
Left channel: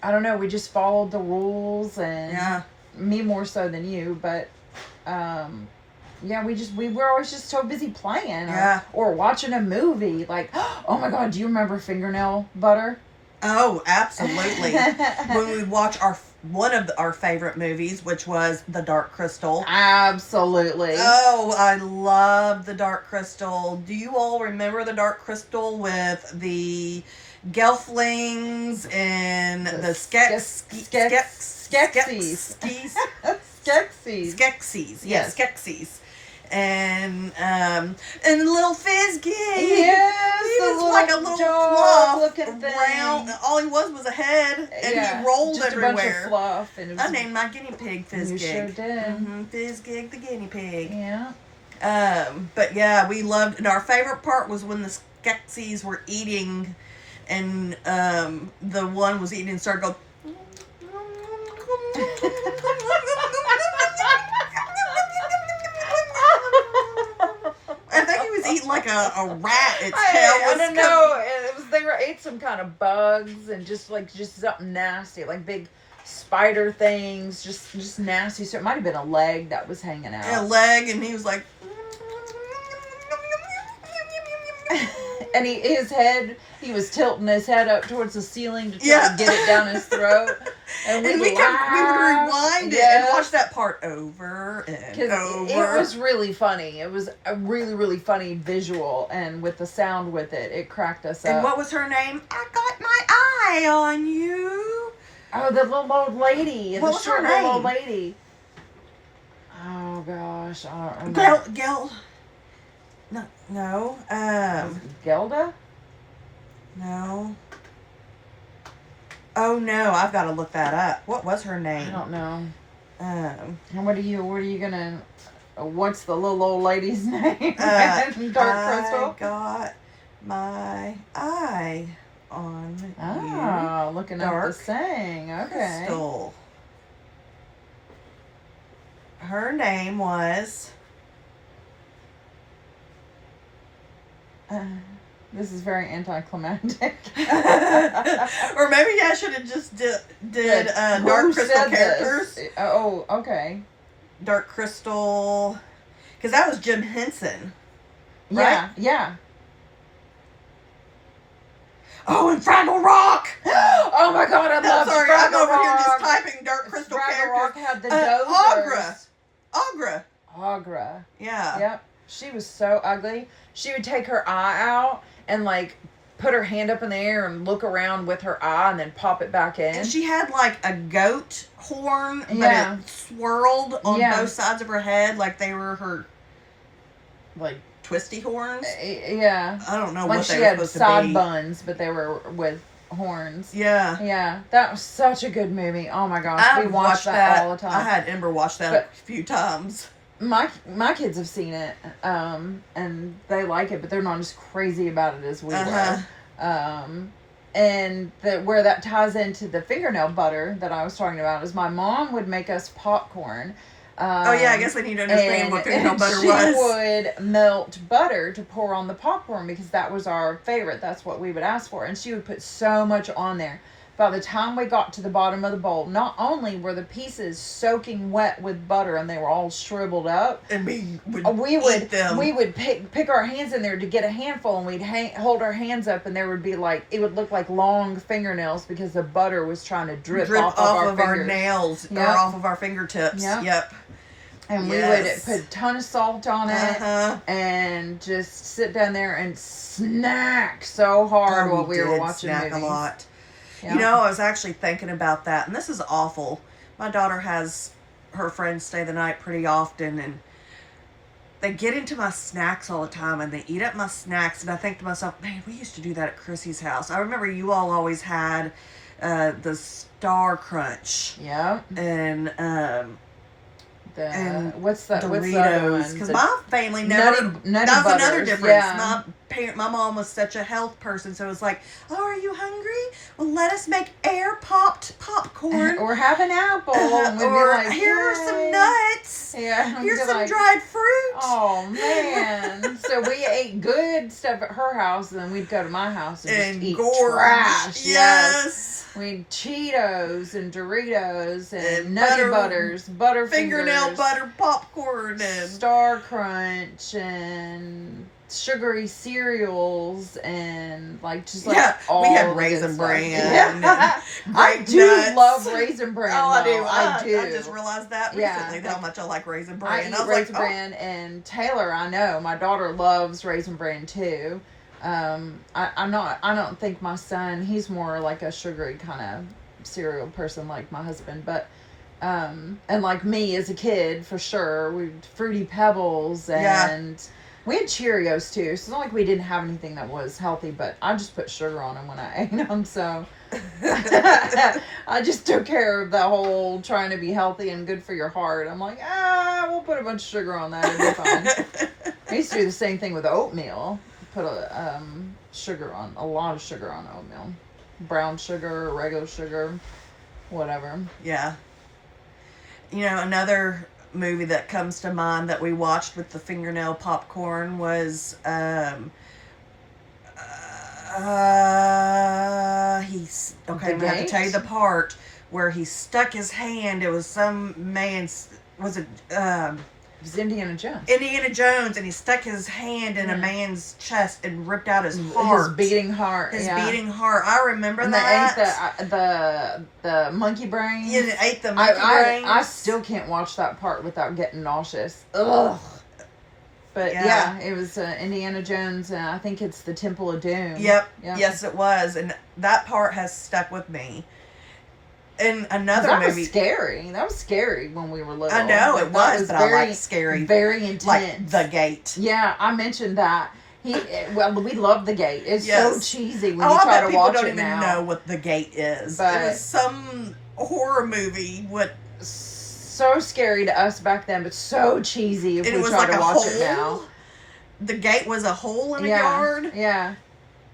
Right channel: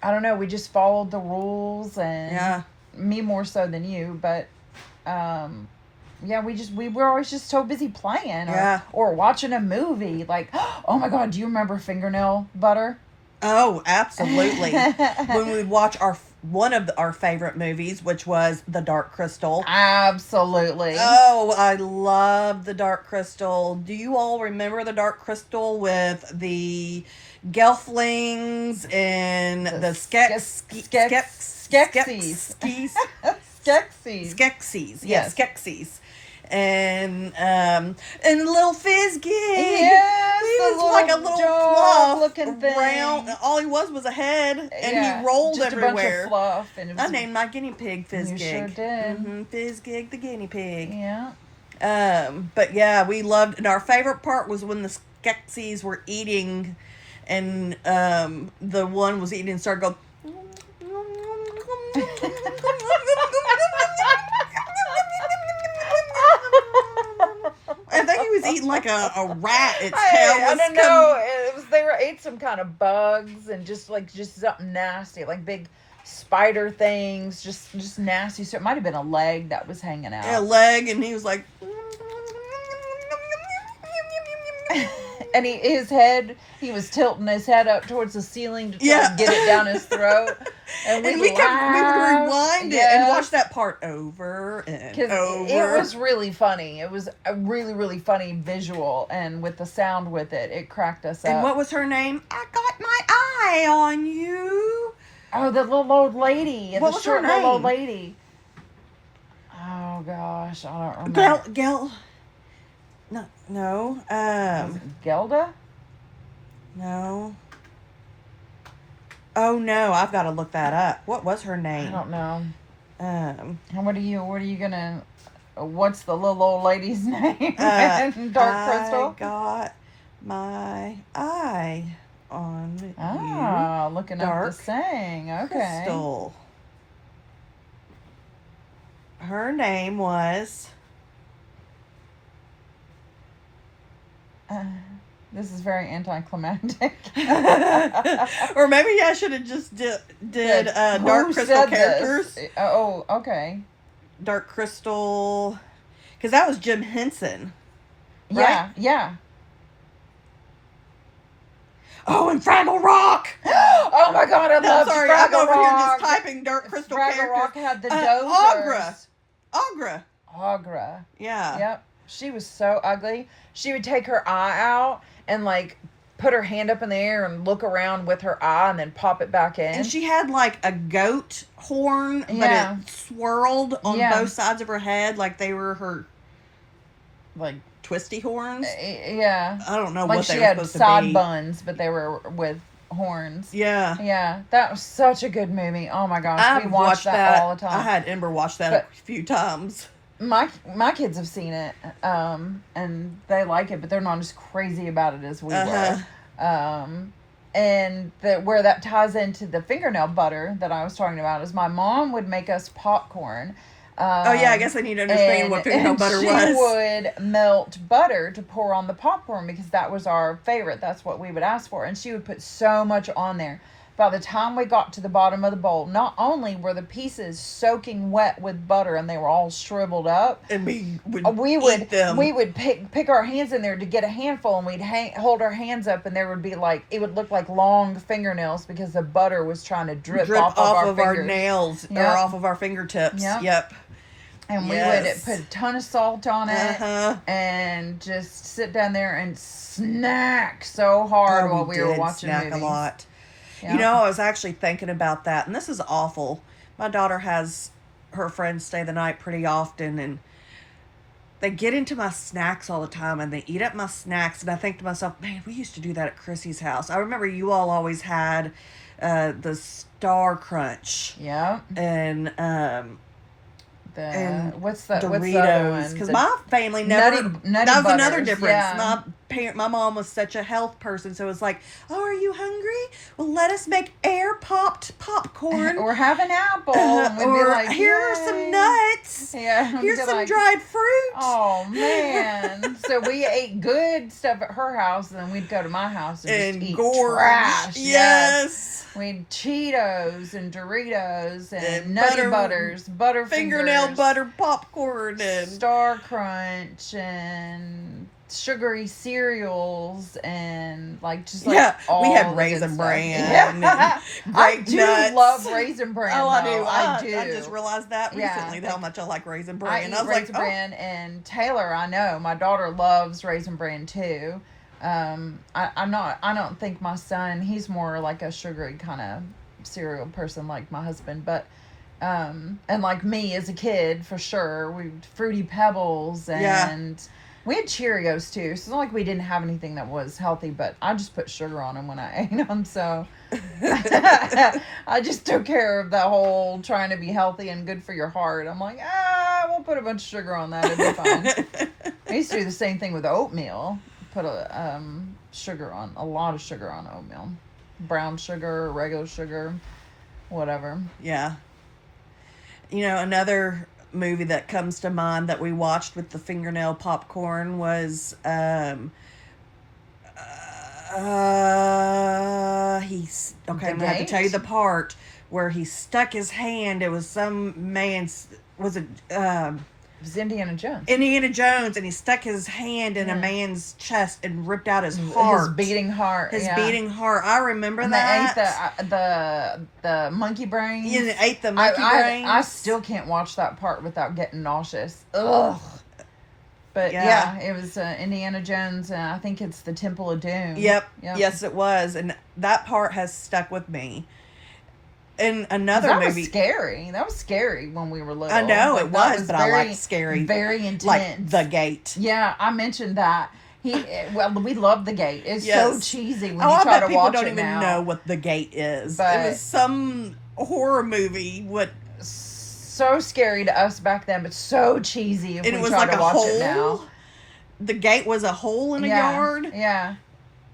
I don't know, we just followed the rules, and me more so than you, but we were always just so busy playing or watching a movie. Like, oh my God, do you remember Fingernail Butter? Oh, absolutely. When we watch one of our favorite movies, which was The Dark Crystal. Absolutely. Oh, I love The Dark Crystal. Do you all remember The Dark Crystal with the Gelflings and the Skeksis. Yes. Skeksis. And little Fizgig. Yes, he was like a little fluff looking thing. All he was a head, and he rolled just everywhere. A bunch of fluff, and I named my guinea pig Fizgig. You sure did. Mm-hmm. Fizgig the guinea pig. Yeah. But yeah, we loved. And our favorite part was when the Skeksis were eating, and the one was eating and started going. I think he was eating like a rat. Its tail was I don't know. They ate some kind of bugs and just something nasty, like big spider things, just nasty. So it might have been a leg that was hanging out. A leg, and he was like. And he was tilting his head up towards the ceiling to try to get it down his throat. And we would rewind it and watch that part over and over. It was really funny. It was a really, really funny visual, and with the sound with it, it cracked us up. And what was her name? I got my eye on you. Oh, the little old lady. What was her name? Little old lady. Oh gosh, I don't remember. No. Gelda? No. Oh no, I've got to look that up. What was her name? I don't know. And what are you gonna? What's the little old lady's name? Dark Crystal. I got my eye on you. Looking Dark up the saying. Okay. Crystal. Her name was This is very anticlimactic. Or maybe I should have just did Dark Crystal characters. This? Oh, okay. Dark Crystal, because that was Jim Henson. Right? Yeah, yeah. Oh, and Fraggle Rock! Oh my God, I love sorry, Fraggle I'm over Rock. here just typing Dark Crystal Fraggle characters. Rock had the dozers. Agra. Agra. Yeah. Yep. She was so ugly. She would take her eye out and like put her hand up in the air and look around with her eye and then pop it back in. And she had like a goat horn, but it swirled on both sides of her head like they were her like twisty horns. Yeah. I don't know like what they were supposed to be. She had side buns, but they were with horns. Yeah. Yeah. That was such a good movie. Oh my gosh. We watched that all the time. I had Ember watch that a few times. My kids have seen it, and they like it, but they're not as crazy about it as we were. And where that ties into the fingernail butter that I was talking about is my mom would make us popcorn. Oh yeah, I guess I need to understand what fingernail butter was. She would melt butter to pour on the popcorn because that was our favorite. That's what we would ask for, and she would put so much on there. By the time we got to the bottom of the bowl, not only were the pieces soaking wet with butter and they were all shriveled up, and we would them. We would pick our hands in there to get a handful, and we'd hold our hands up, and there would be like, it would look like long fingernails because the butter was trying to drip off of our nails or off of our fingertips. Yep. And we would put a ton of salt on it and just sit down there and snack so hard while we were watching movies. A lot. Yeah. You know, I was actually thinking about that, and this is awful. My daughter has her friends stay the night pretty often, and they get into my snacks all the time, and they eat up my snacks, and I think to myself, man, we used to do that at Chrissy's house. I remember you all always had the Star Crunch. Yeah. And what's the Doritos? Because my family never. Nutty that was another difference. Yeah. My mom was such a health person, so it was like, "Oh, are you hungry? Well, let us make air popped popcorn. Or have an apple. Or like, here are some nuts. Yeah. Here's some dried fruit." Oh man! So we ate good stuff at her house, and then we'd go to my house and just eat trash. Yes. We'd Cheetos and Doritos and Nutty Butters, Butterfingers, fingernail butter popcorn, and Star Crunch, and sugary cereals, and all we had Raisin Bran. Yeah. I do nuts. love Raisin Bran. Oh, I do. I do. I just realized that recently how much I like Raisin Bran. I eat Raisin Bran, and Taylor, I know my daughter loves Raisin Bran too. I don't think my son, he's more like a sugary kind of cereal person like my husband, but and like me as a kid for sure, we Fruity Pebbles and we had Cheerios too, so it's not like we didn't have anything that was healthy, but I just put sugar on them when I ate them, so I just took care of that whole trying to be healthy and good for your heart. I'm like, we'll put a bunch of sugar on that, it'll be fine. I used to do the same thing with oatmeal. Put a lot of sugar on oatmeal, brown sugar, regular sugar, whatever. Yeah. You know, another movie that comes to mind that we watched with the fingernail popcorn was he's okay. I'm gonna have to tell you the part where he stuck his hand. It was some man's. Was it? It was Indiana Jones. Indiana Jones, and he stuck his hand in a man's chest and ripped out his heart. His beating heart. His beating heart. I remember and that. They ate the monkey brain. Yeah, they ate the monkey brain. I still can't watch that part without getting nauseous. Ugh. But yeah it was Indiana Jones, and I think it's the Temple of Doom. Yep. Yes, it was, and that part has stuck with me. In another movie, that was scary when we were little. I know it was, but I like scary, very intense. Like The Gate. Yeah, I mentioned that. We love The Gate. It's so cheesy when you I try bet to watch it now. people don't even know what The Gate is. But it was some horror movie. So scary to us back then, but so cheesy if we try to watch it now. The gate was a hole in a yard. Yeah.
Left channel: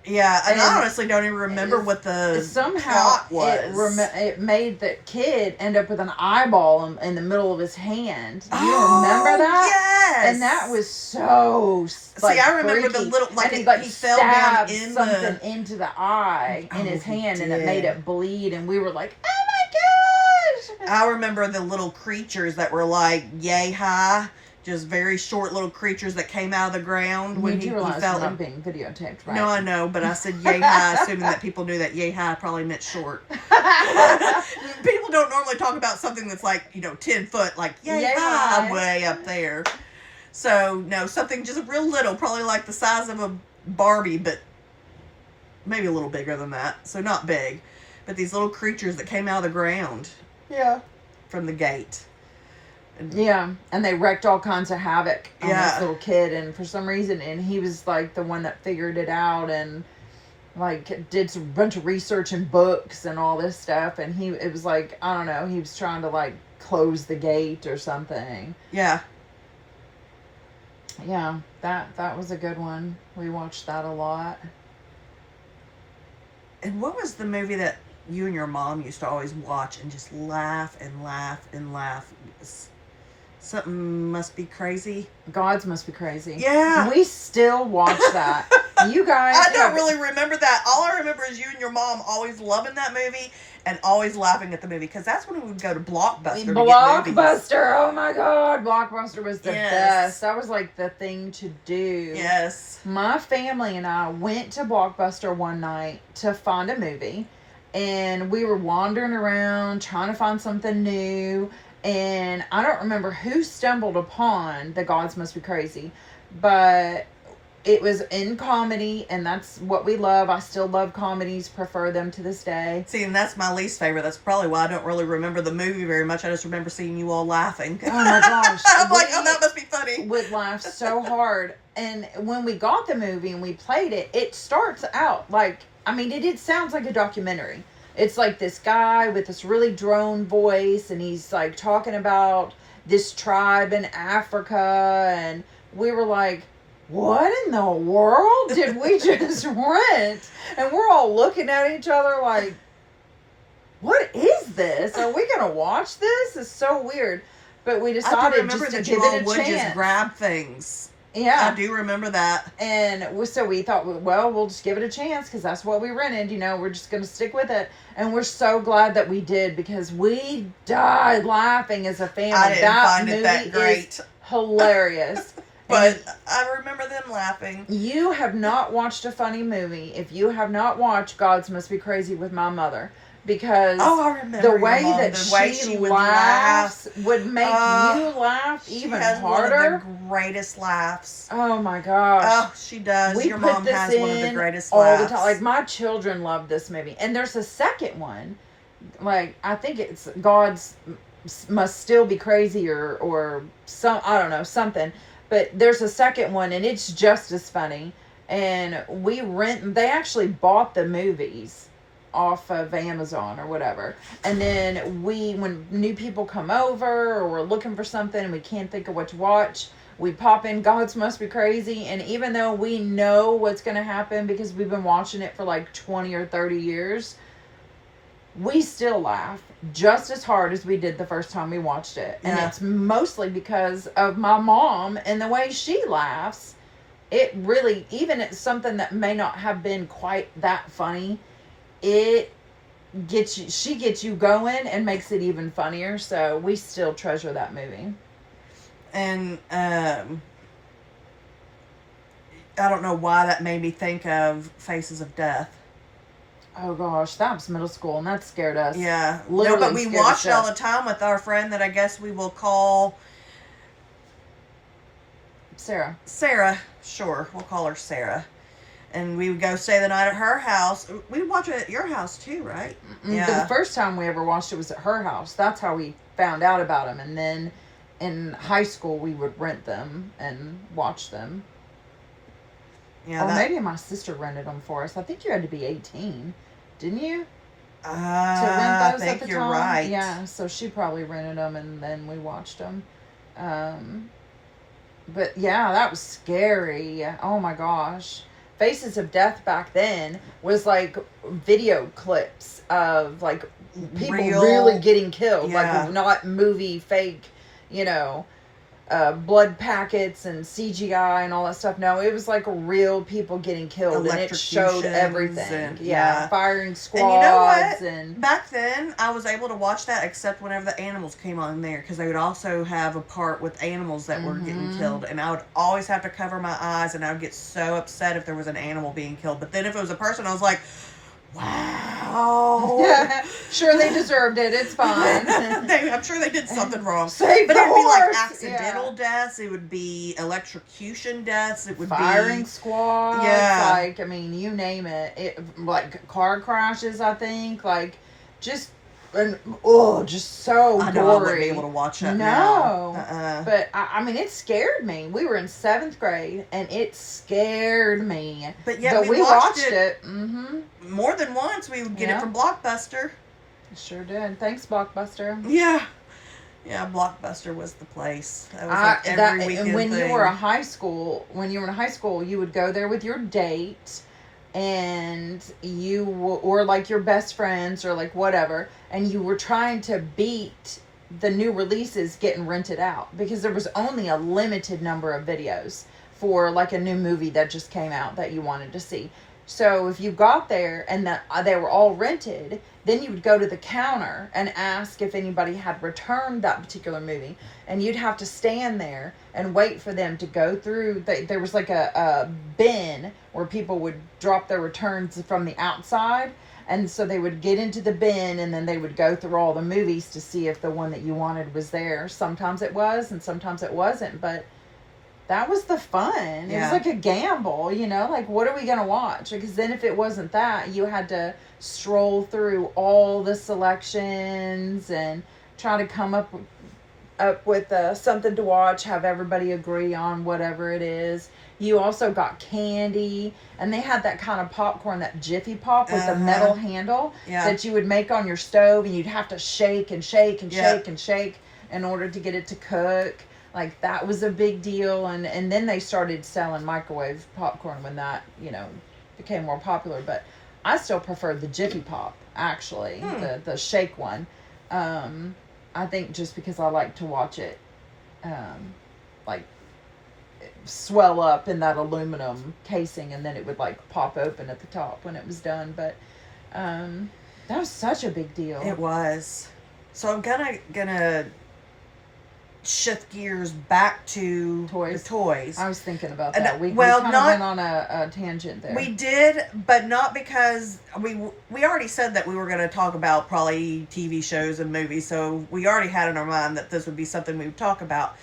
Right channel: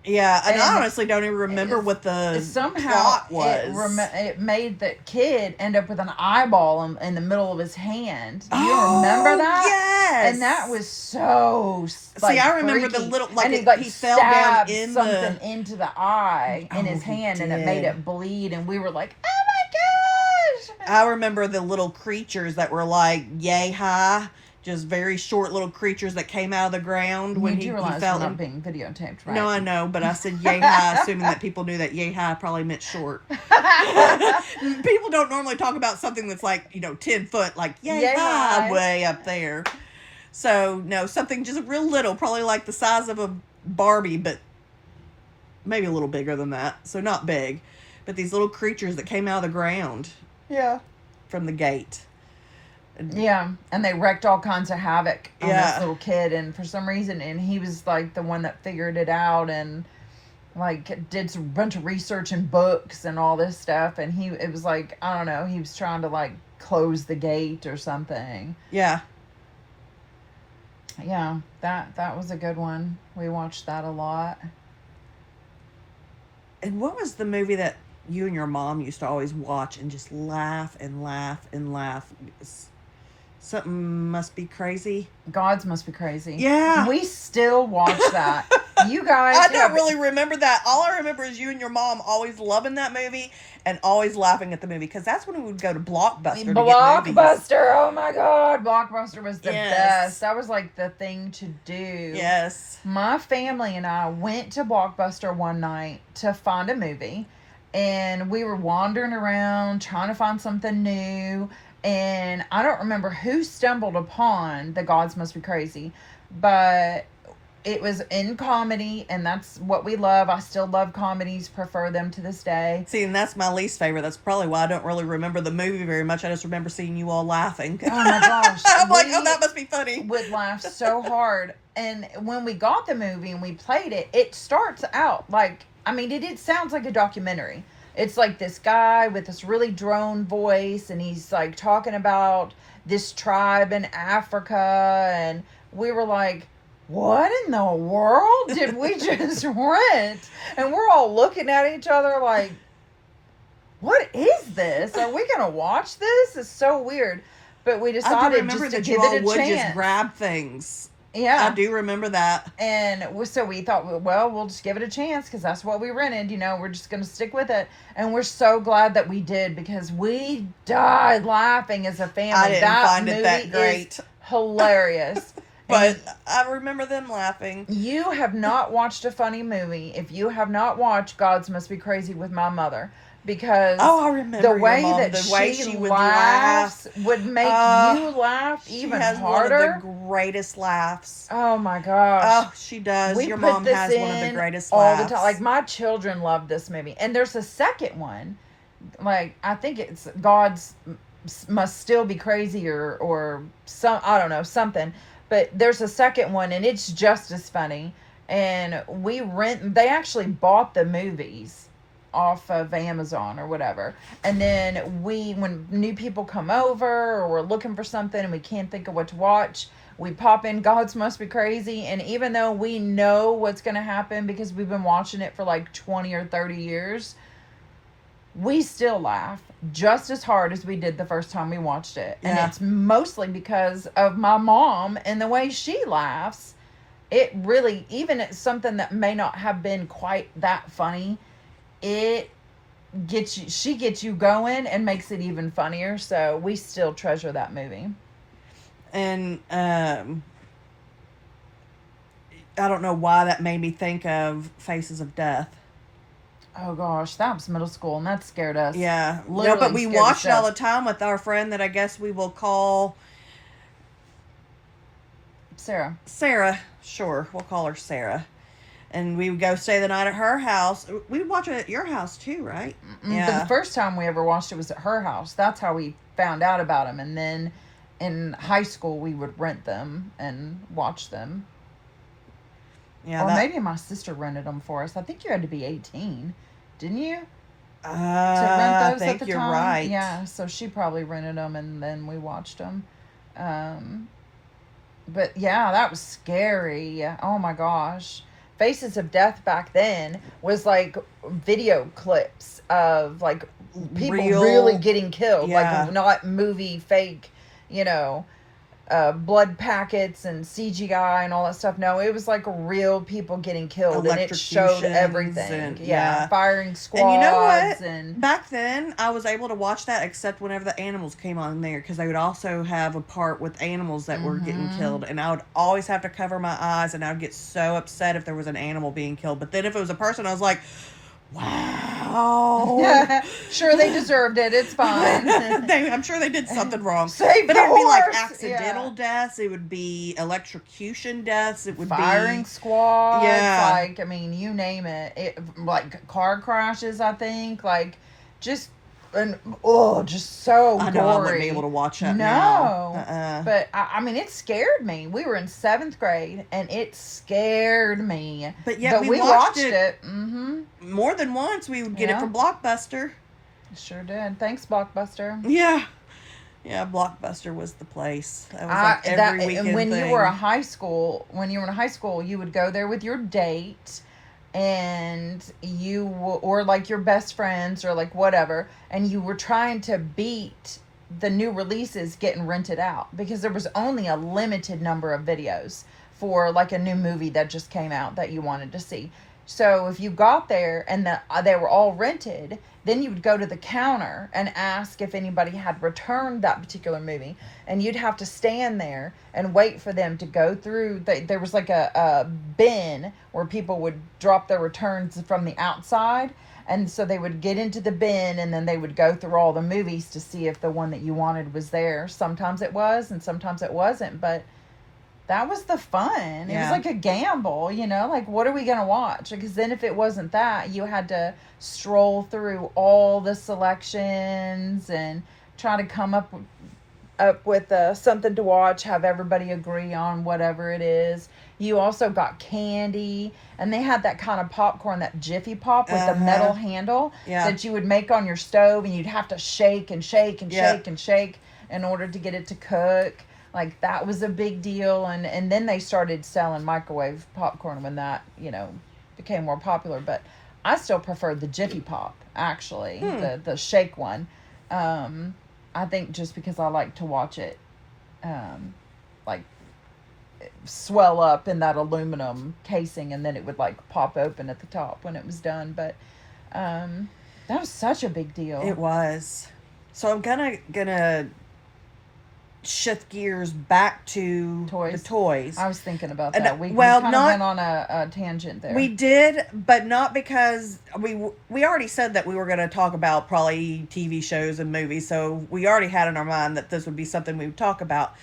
Yeah, and I And honestly don't even remember what the somehow plot was. it made the kid end up with an eyeball in the middle of his hand. Do you Oh, remember that? yes. And that was so See, I remember the freaky. little and he fell down stabbed in something the. into the eye Oh, in his he hand, and it made did. it bleed. And we were like, "Oh my gosh!" I remember the little creatures that were like yay high, just very short little creatures that came out of the ground when You he realize fell. we're not being videotaped, right? No, I know, but I said yay high, assuming that people knew that yay high probably meant short. People don't normally talk about something that's like 10 foot, like yay high, way up there. So no, something just real little, probably like the size of a Barbie, but maybe a little bigger than that. So not big, but these little creatures that came out of the ground. Yeah. From the gate. Yeah, and they wreaked all kinds of havoc on this little kid, and for some reason, and he was like the one that figured it out, and like did a bunch of research and books and all this stuff, and it was like, I don't know, he was trying to like close the gate or something. Yeah. Yeah, that was a good one. We watched that a lot. And what was the movie that you and your mom used to always watch and just laugh and laugh and laugh? Something Must Be Crazy. Gods Must Be Crazy. Yeah. We still watch that. You guys. I don't really remember that. All I remember is you and your mom always loving that movie and always laughing at the movie, because that's when we would go to Blockbuster to get movies. Blockbuster! Oh my god, Blockbuster was the best. That was like the thing to do. Yes. My family and I went to Blockbuster one night to find a movie, and we were wandering around trying to find something new. And I don't remember who stumbled upon The Gods Must Be Crazy, but it was in comedy, and that's what we love. I still love comedies, prefer them to this day. See, and that's my least favorite. That's probably why I don't really remember the movie very much. I just remember seeing you all laughing. Oh my gosh. I'm like, oh, that must be funny. Would laugh so hard. And when we got the movie and we played it, it starts out like, I mean, it sounds like a documentary. It's like this guy with this really drone voice, and he's like talking about this tribe in Africa, and we were like, what in the world did we just rent? And we're all looking at each other like, what is this? Are we going to watch this? It's so weird. But we decided just to give it a chance. Just grab things. Yeah. I do remember that. And so we thought, well, we'll just give it a chance because that's what we rented. We're just going to stick with it. And we're so glad that we did, because we died laughing as a family. I didn't find it that great. Is hilarious. But I remember them laughing. You have not watched a funny movie if you have not watched Gods Must Be Crazy with my mother. Because I remember the way mom, that the way she would laugh would make you laugh even harder. One of the greatest laughs. Oh my gosh. Oh, she does. Your mom has one of the greatest all laughs. the time. Like, my children love this movie. And there's a second one. Like, I think it's Gods Must Still Be Crazy or some, I don't know, something. But there's a second one, and it's just as funny. And they actually bought the movies off of Amazon or whatever. And then when new people come over or we're looking for something and we can't think of what to watch, we pop in Gods Must Be Crazy. And even though we know what's going to happen because we've been watching it for like 20 or 30 years, we still laugh just as hard as we did the first time we watched it. And it's mostly because of my mom and the way she laughs. It really, even it's something that may not have been quite that funny, she gets you going and makes it even funnier. So we still treasure that movie. And I don't know why that made me think of Faces of Death. Oh gosh, that was middle school, and that scared us. Yeah, literally. No, but we watched it all the time with our friend that I guess we will call Sarah. Sure, we'll call her Sarah. And we would go stay the night at her house. We would watch it at your house too, right? Yeah. The first time we ever watched it was at her house. That's how we found out about them. And then in high school, we would rent them and watch them. Yeah. Or maybe my sister rented them for us. I think you had to be 18, didn't you? To rent those I think at the you're time? right. Yeah, so she probably rented them and then we watched them. But yeah, that was scary. Oh my gosh. Faces of Death back then was like video clips of like people really getting killed, like not movie fake, you know, blood packets and CGI and all that stuff. No, it was like real people getting killed, and it showed everything. And, firing squads. And you know what? Back then, I was able to watch that except whenever the animals came on there, because they would also have a part with animals that were getting killed, and I would always have to cover my eyes, and I would get so upset if there was an animal being killed. But then if it was a person, I was like, wow. Sure, they deserved it. It's fine. I'm sure they did something wrong. But it would be like accidental deaths. It would be electrocution deaths. It would firing squads. Yeah. Like, I mean, you name it. Like car crashes, I think. Like, just so I know I wouldn't be able to watch that now. But I mean, it scared me. We were in 7th grade, and it scared me. But yeah, we watched it. More than once. We would get it from Blockbuster. Sure did. Thanks, Blockbuster. Yeah, Blockbuster was the place. That was like every weekend and when thing. you were in high school, you would go there with your date. And or like your best friends or like whatever, and you were trying to beat the new releases getting rented out, because there was only a limited number of videos for like a new movie that just came out that you wanted to see. So if you got there and they were all rented, then you would go to the counter and ask if anybody had returned that particular movie, and you'd have to stand there and wait for them to go through. There was like a bin where people would drop their returns from the outside, and so they would get into the bin, and then they would go through all the movies to see if the one that you wanted was there. Sometimes it was, and sometimes it wasn't, but that was the fun. It was like a gamble, you know, like, what are we going to watch? Because then if it wasn't that, you had to stroll through all the selections and try to come up with something to watch, have everybody agree on whatever it is. You also got candy, and they had that kind of popcorn, that Jiffy Pop with the metal handle that you would make on your stove, and you'd have to shake and shake and shake and shake in order to get it to cook. Like, that was a big deal, and then they started selling microwave popcorn when that, you know, became more popular. But I still prefer the Jiffy Pop, actually, the shake one. I think just because I like to watch it, like, swell up in that aluminum casing, and then it would, like, pop open at the top when it was done. But that was such a big deal. It was. So I'm gonna shift gears back to the toys. I was thinking about that. We went on a tangent there. We did, but not because we already said that we were going to talk about probably TV shows and movies, so we already had in our mind that this would be something we would talk about.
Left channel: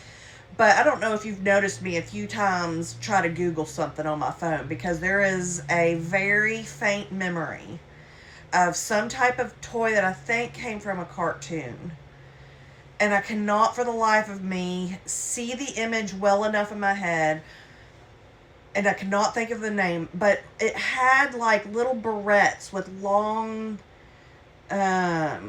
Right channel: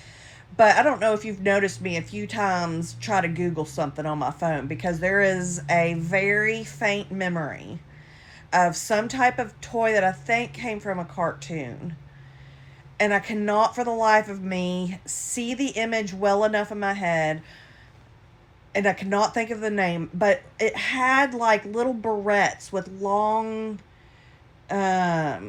But I don't know if you've noticed me a few times try to Google something on my phone, because there is a very faint memory of some type of toy that I think came from a cartoon. And I cannot for the life of me see the image well enough in my head. And I cannot think of the name. But it had like little barrettes with long, like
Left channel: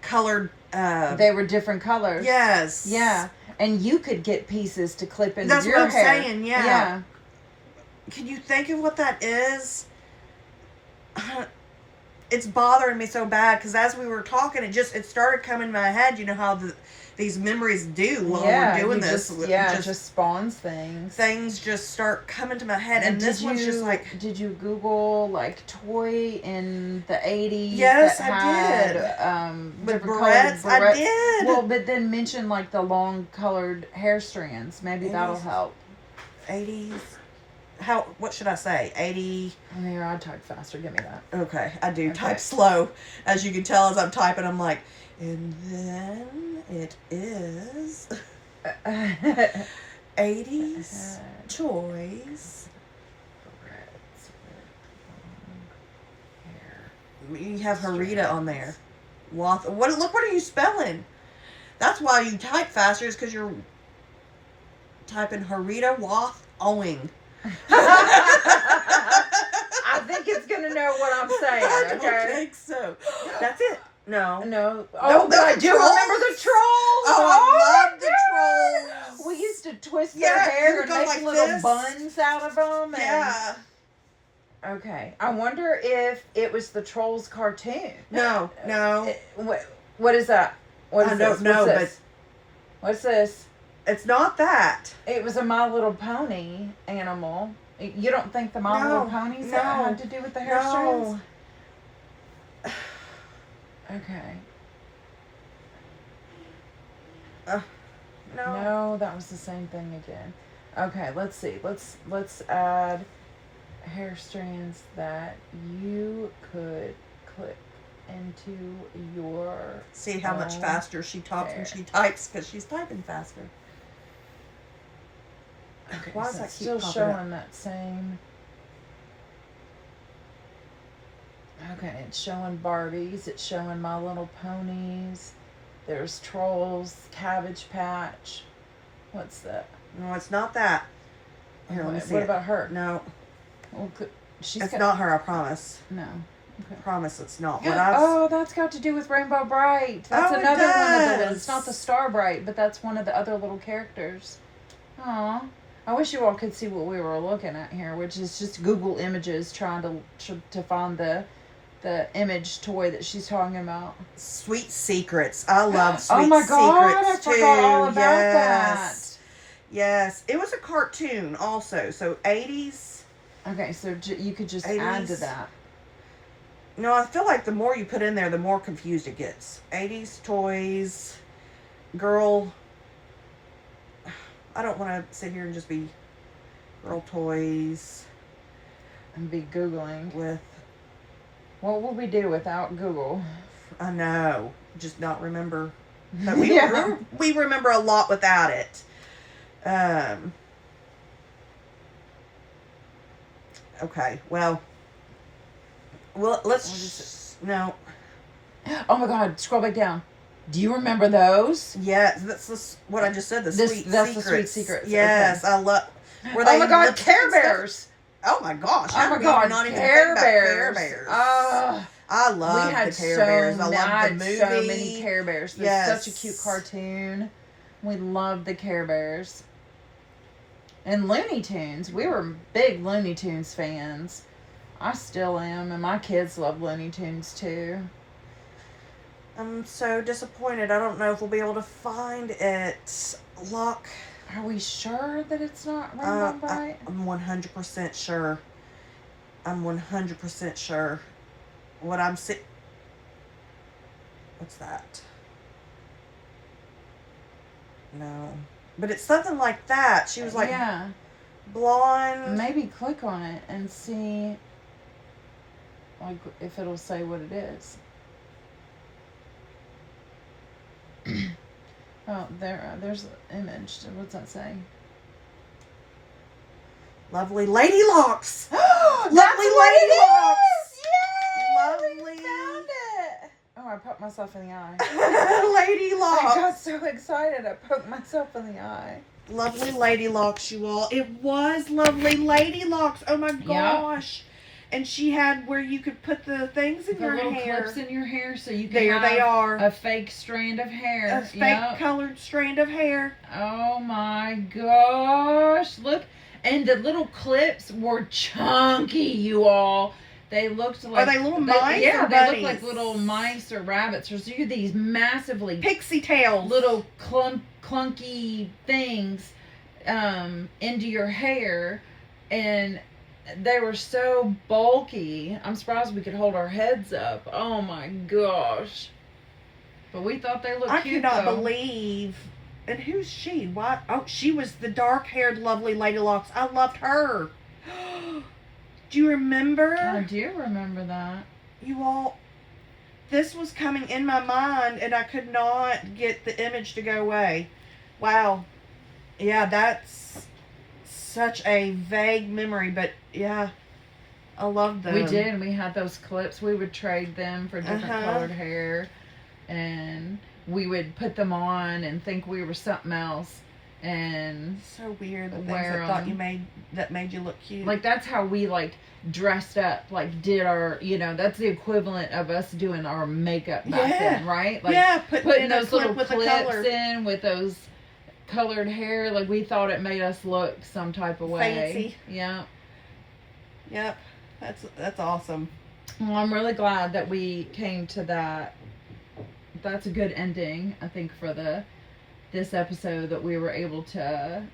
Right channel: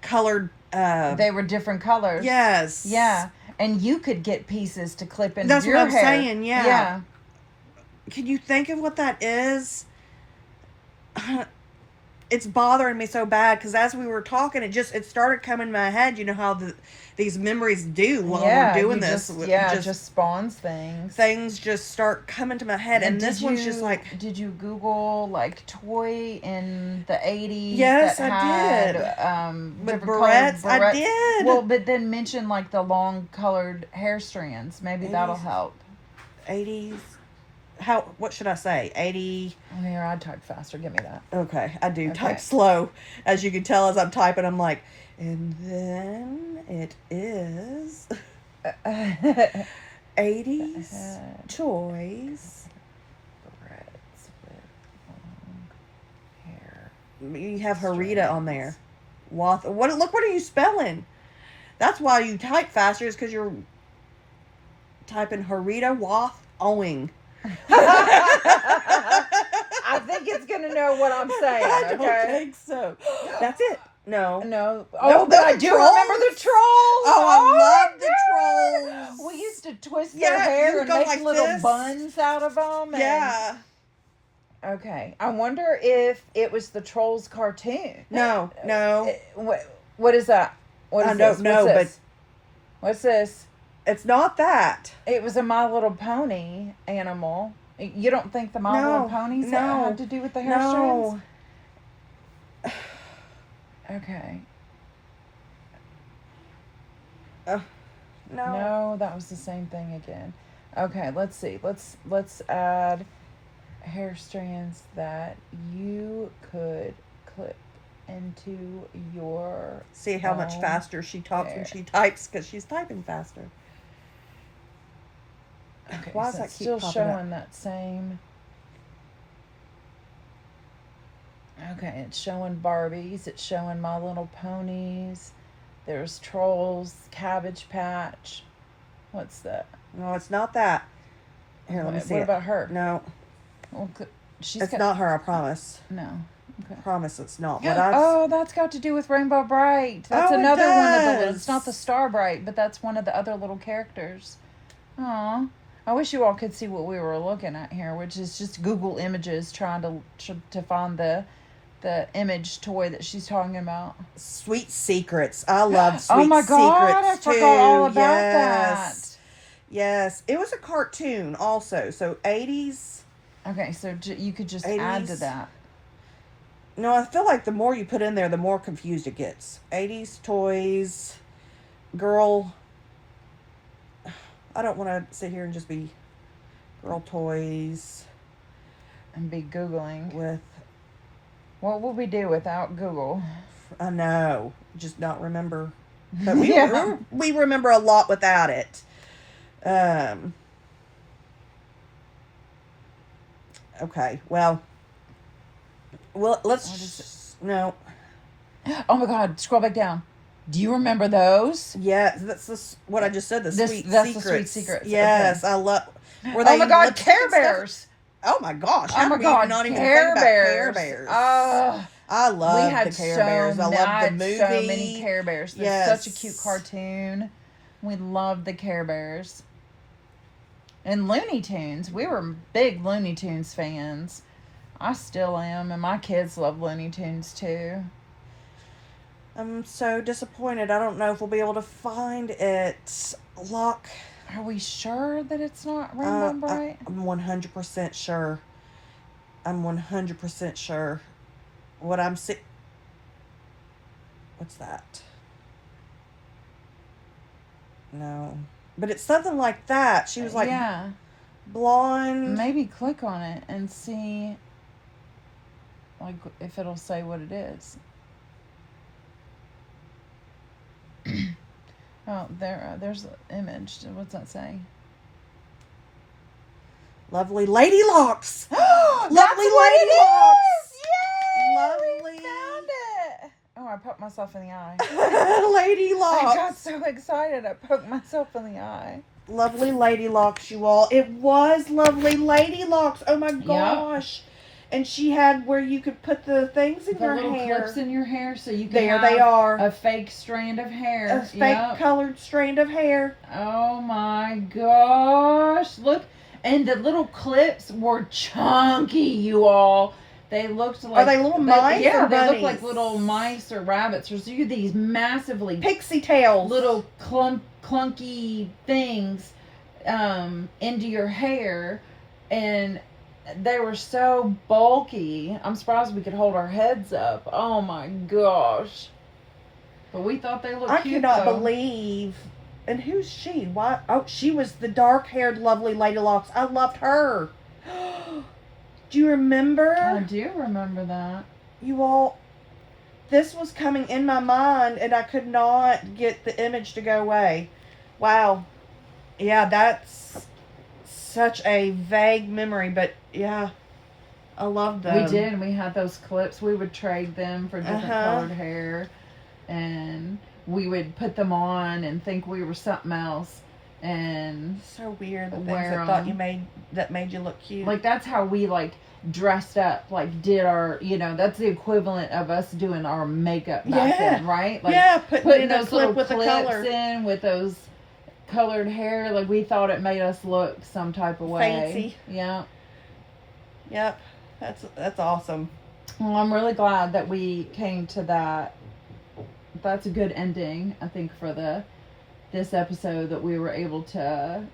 colored. They were different colors. Yes. Yeah. And you could get pieces to clip into your hair. That's what I'm saying, yeah. Can you think of what that is? It's bothering me so bad, because as we were talking, it started coming in my head. You know how these memories do while we're doing this. It just spawns things. Things just start coming to my head, and this one's just like. Did you Google like toy in the 80s? Yes, I did. With barrettes, I did. Well, but then mention like the long colored hair strands. Maybe 80s, that'll help. 80s. What should I say? 80. Here, I type faster. Give me that. Okay, I do type slow. As you can tell, as I'm typing, I'm like, and then it is 80s toys. You have Harita on there. Look, what are you spelling? That's why you type faster, is because you're typing Harita Wath Owing. I think it's gonna know what I'm saying. I don't think so. That's it. No. Oh, but I do remember the trolls. Oh, I love the trolls. We used to twist Yeah, their hair you and go make like little this. buns out of them. Yeah. Okay. I wonder if it was the Trolls cartoon. No. What is that? What is I this? don't know, What's this? What's this? It's not that. It was a My Little Pony animal. You don't think the My Little Ponies had to do with the hair strands? No. Okay. No. No, that was the same thing again. Okay, let's see. Let's add hair strands that you could clip into your. See how much faster she talks when she types, because she's typing faster. Okay, Why so does that it's keep still popping showing up? that same. Okay, it's showing Barbies. It's showing My Little Ponies. There's Trolls, Cabbage Patch. What's that? No, it's not that. Here, let me see What it. about her? No, Well, it's not her. I promise. No. I promise it's not. But I've, Oh, that's got to do with Rainbow Bright. That's Oh, it another one of the little. does. It's not the Star Bright, but that's one of the other little characters. Aw. I wish you all could see what we were looking at here, which is just Google Images trying to find the image toy that she's talking about. Sweet Secrets. I love Sweet Oh my Secrets God, I too. forgot all about Yes. Yes. It was a cartoon also. So 80s. Okay, so you could just add to 80s. that. No, I feel like the more you put in there, the more confused it gets. 80s toys. Girl. I don't want to sit here and just be girl toys And be Googling. with. What would we do without Google? I know. Just not remember. But we remember a lot without it. Okay. Well, let's just no. Oh my God! Scroll back down. Do you remember those? Yeah, that's what I just said. That's the Sweet Secrets. Yes, Okay. I love. Oh my God! Care Bears. Oh my gosh! Oh my God! Not even Care think about Bears. Care Bears. Ah. I love We had the Care Bears. I love the movie. so many Care Bears. It's Yes. such a cute cartoon. We loved the Care Bears. And Looney Tunes. We were big Looney Tunes fans. I still am, and my kids love Looney Tunes too. I'm so disappointed. I don't know if we'll be able to find it. Lock. Are we sure that it's not Rainbow Bright? I'm 100% sure. I'm 100% sure. What I'm seeing. What's that? No. But it's something like that. She was like yeah. blonde. Maybe click on it and see like if it'll say what it is. Oh, there's an image. What's that say? Lovely Lady Locks. That's Lovely what Lady it Locks. is! Yay! Lovely. We found it! Oh, I poked myself in the eye. Lady I Locks. got so excited I poked myself in the eye. Lovely Lady Locks, you all. It was Lovely Lady Locks. Oh my gosh. And she had where you could put the things in The your little hair. clips in your hair so you can There have they are. a fake strand of hair. A fake colored strand of hair. Oh my gosh. Look. And the little clips were chunky, you all. They looked like... Are they little mice Yeah, or they look bunnies? like little mice or rabbits. There's these massively Pixie tails. little clunky things into your hair. And they were so bulky. I'm surprised we could hold our heads up. Oh my gosh. But we thought they looked cute, I cannot though. believe. And who's she? Why? Oh, she was the dark-haired, lovely Lady Locks. I loved her. Do you remember? I do remember that. You all, this was coming in my mind, and I could not get the image to go away. Wow. Yeah, that's such a vague memory, but yeah, I loved them. We did. We had those clips. We would trade them for different Uh-huh. colored hair, and we would put them on and think we were something else. And So weird. The things Wear that thought 'em. that made you look cute. like that's how we like dressed up. Like did our that's the equivalent of us doing our makeup back Yeah. then, right? Like yeah, putting in a those clip little with the clips color. in with those colored hair. Like, we thought it made us look some type of way. Fancy. Yeah. Yep. That's awesome. Well, I'm really glad that we came to that. That's a good ending, I think, for this episode, that we were able to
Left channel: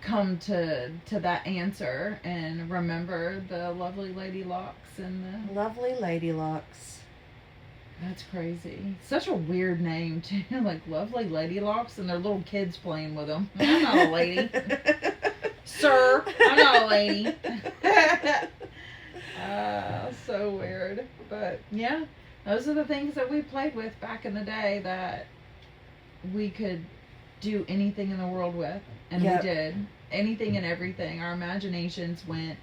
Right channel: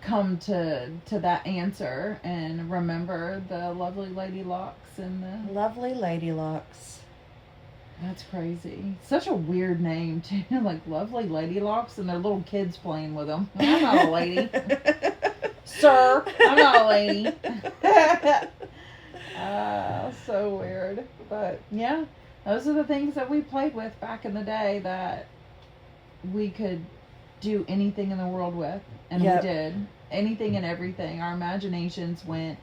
come to that answer and remember the lovely Lady Locks and the... Lovely Lady Locks. That's crazy. Such a weird name, too. Like, Lovely Lady Locks, and their little kids playing with them. I'm not a lady. Sir, I'm not a lady. So weird. But, yeah, those are the things that we played with back in the day that we could do anything in the world with. And Yep. we did. Anything and everything. Our imaginations went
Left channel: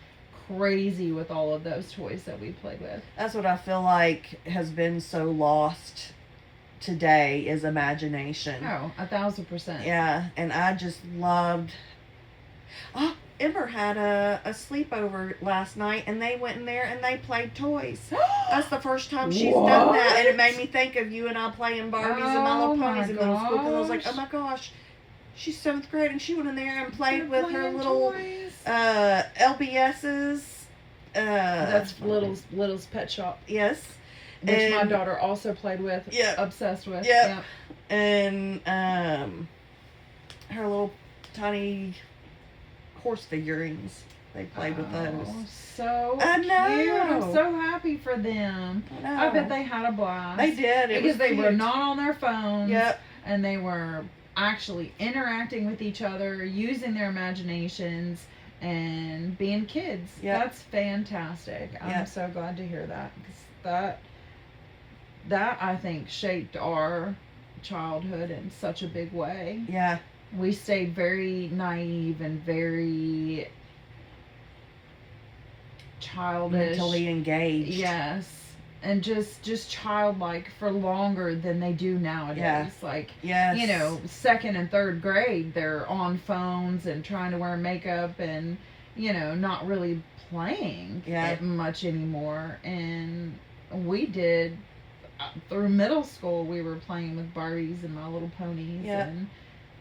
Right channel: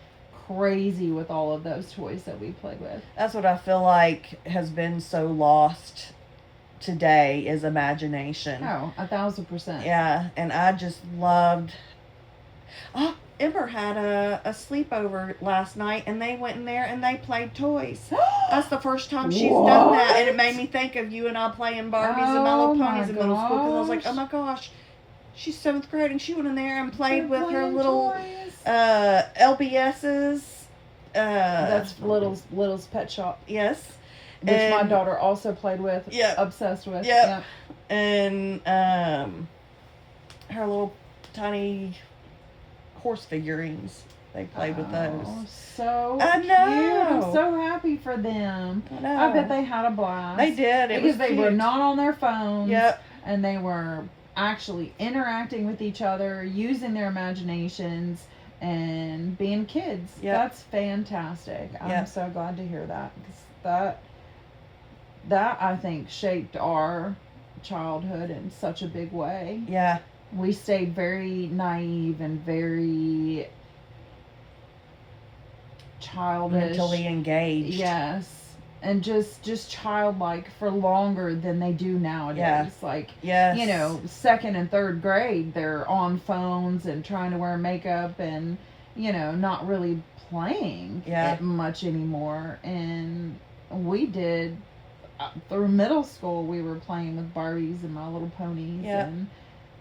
crazy with all of those toys that we played with. That's what I feel like has been so lost today, is imagination. Oh, 1,000%. Yeah, and I just loved... Oh, Ember had a sleepover last night, and they went in there and they played toys. That's the first time she's done that, and it made me think of you and I playing Barbies and My Little Ponies in middle school, because I was like, oh my gosh, she's 7th grade, and she went in there and played with her little toys. LBSs. That's Little's Pet Shop, Yes. which my And- daughter also played with. Yeah. Obsessed with. Yep. And her little tiny horse figurines. They played with those. So I cute. I'm know. so happy for them. I know. I bet they had a blast. They did. It because was they were cute. not on their phones. Yep. And they were actually interacting with each other, using their imaginations, and being kids. Yep. That's fantastic. I'm Yep. so glad to hear that, because that I think shaped our childhood in such a big way. Yeah. We stayed very naive and very childish. Mentally engaged. Yes. And just childlike for longer than they do nowadays. Yeah. Like, Yes. 2nd and 3rd grade, they're on phones and trying to wear makeup and, not really playing it much anymore. And we did, through middle school, we were playing with Barbies and My Little Ponies and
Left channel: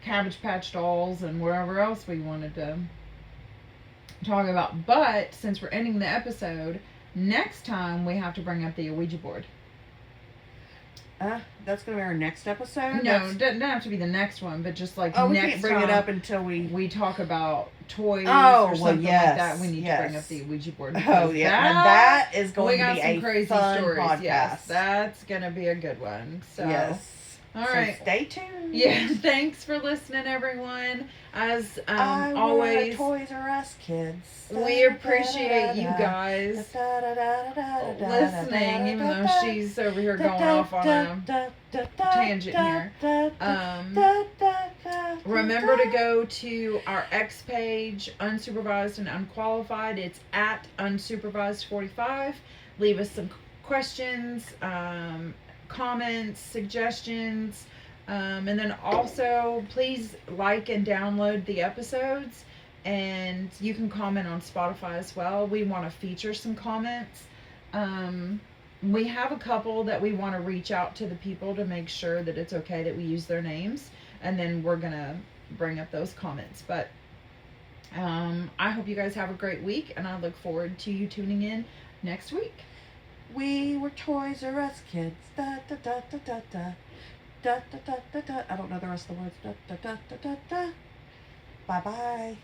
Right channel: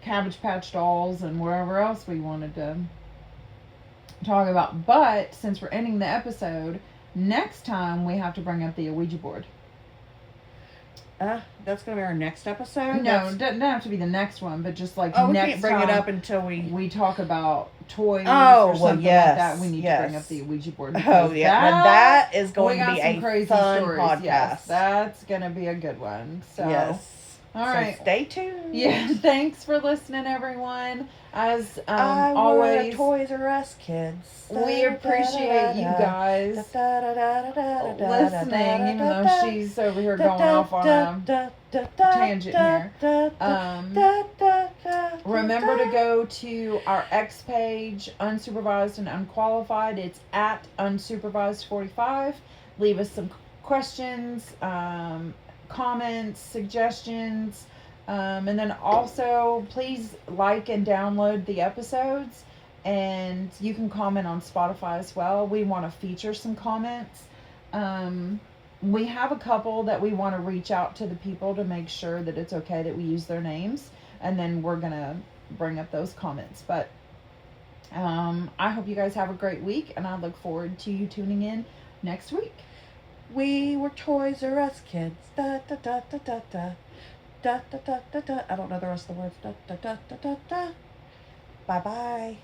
Cabbage Patch Dolls and wherever else we wanted to talk about. But since we're ending the episode, next time we have to bring up the Ouija board. That's going to be our next episode? No, it doesn't have to be the next one, but just like Oh, we next can't bring time it up until we talk about toys Oh, or well, something yes, like that. We need to bring yes. up the Ouija board. Oh, because yeah. Now that is we going to got be some a crazy fun stories. podcast. Yes, that's going to be a good one. So, Yes. all So right. stay tuned. Yeah, thanks for listening, everyone. As I always, were a Toys R Us kids. we appreciate you guys listening, even though she's over here going off on a tangent here. Remember to go to our X page, Unsupervised and Unqualified. It's at Unsupervised45. Leave us some questions, comments, suggestions. And then also, please like and download the episodes. And you can comment on Spotify as well. We want to feature some comments. We have a couple that we want to reach out to the people to make sure that it's okay that we use their names. And then we're going to bring up those comments. But I hope you guys have a great week. And I look forward to you tuning in next week. We were Toys R Us kids. Da, da, da, da, da, da. Da, da, da, da, da. I don't know the rest of the words. Da, da, da, da, da, da. Bye-bye.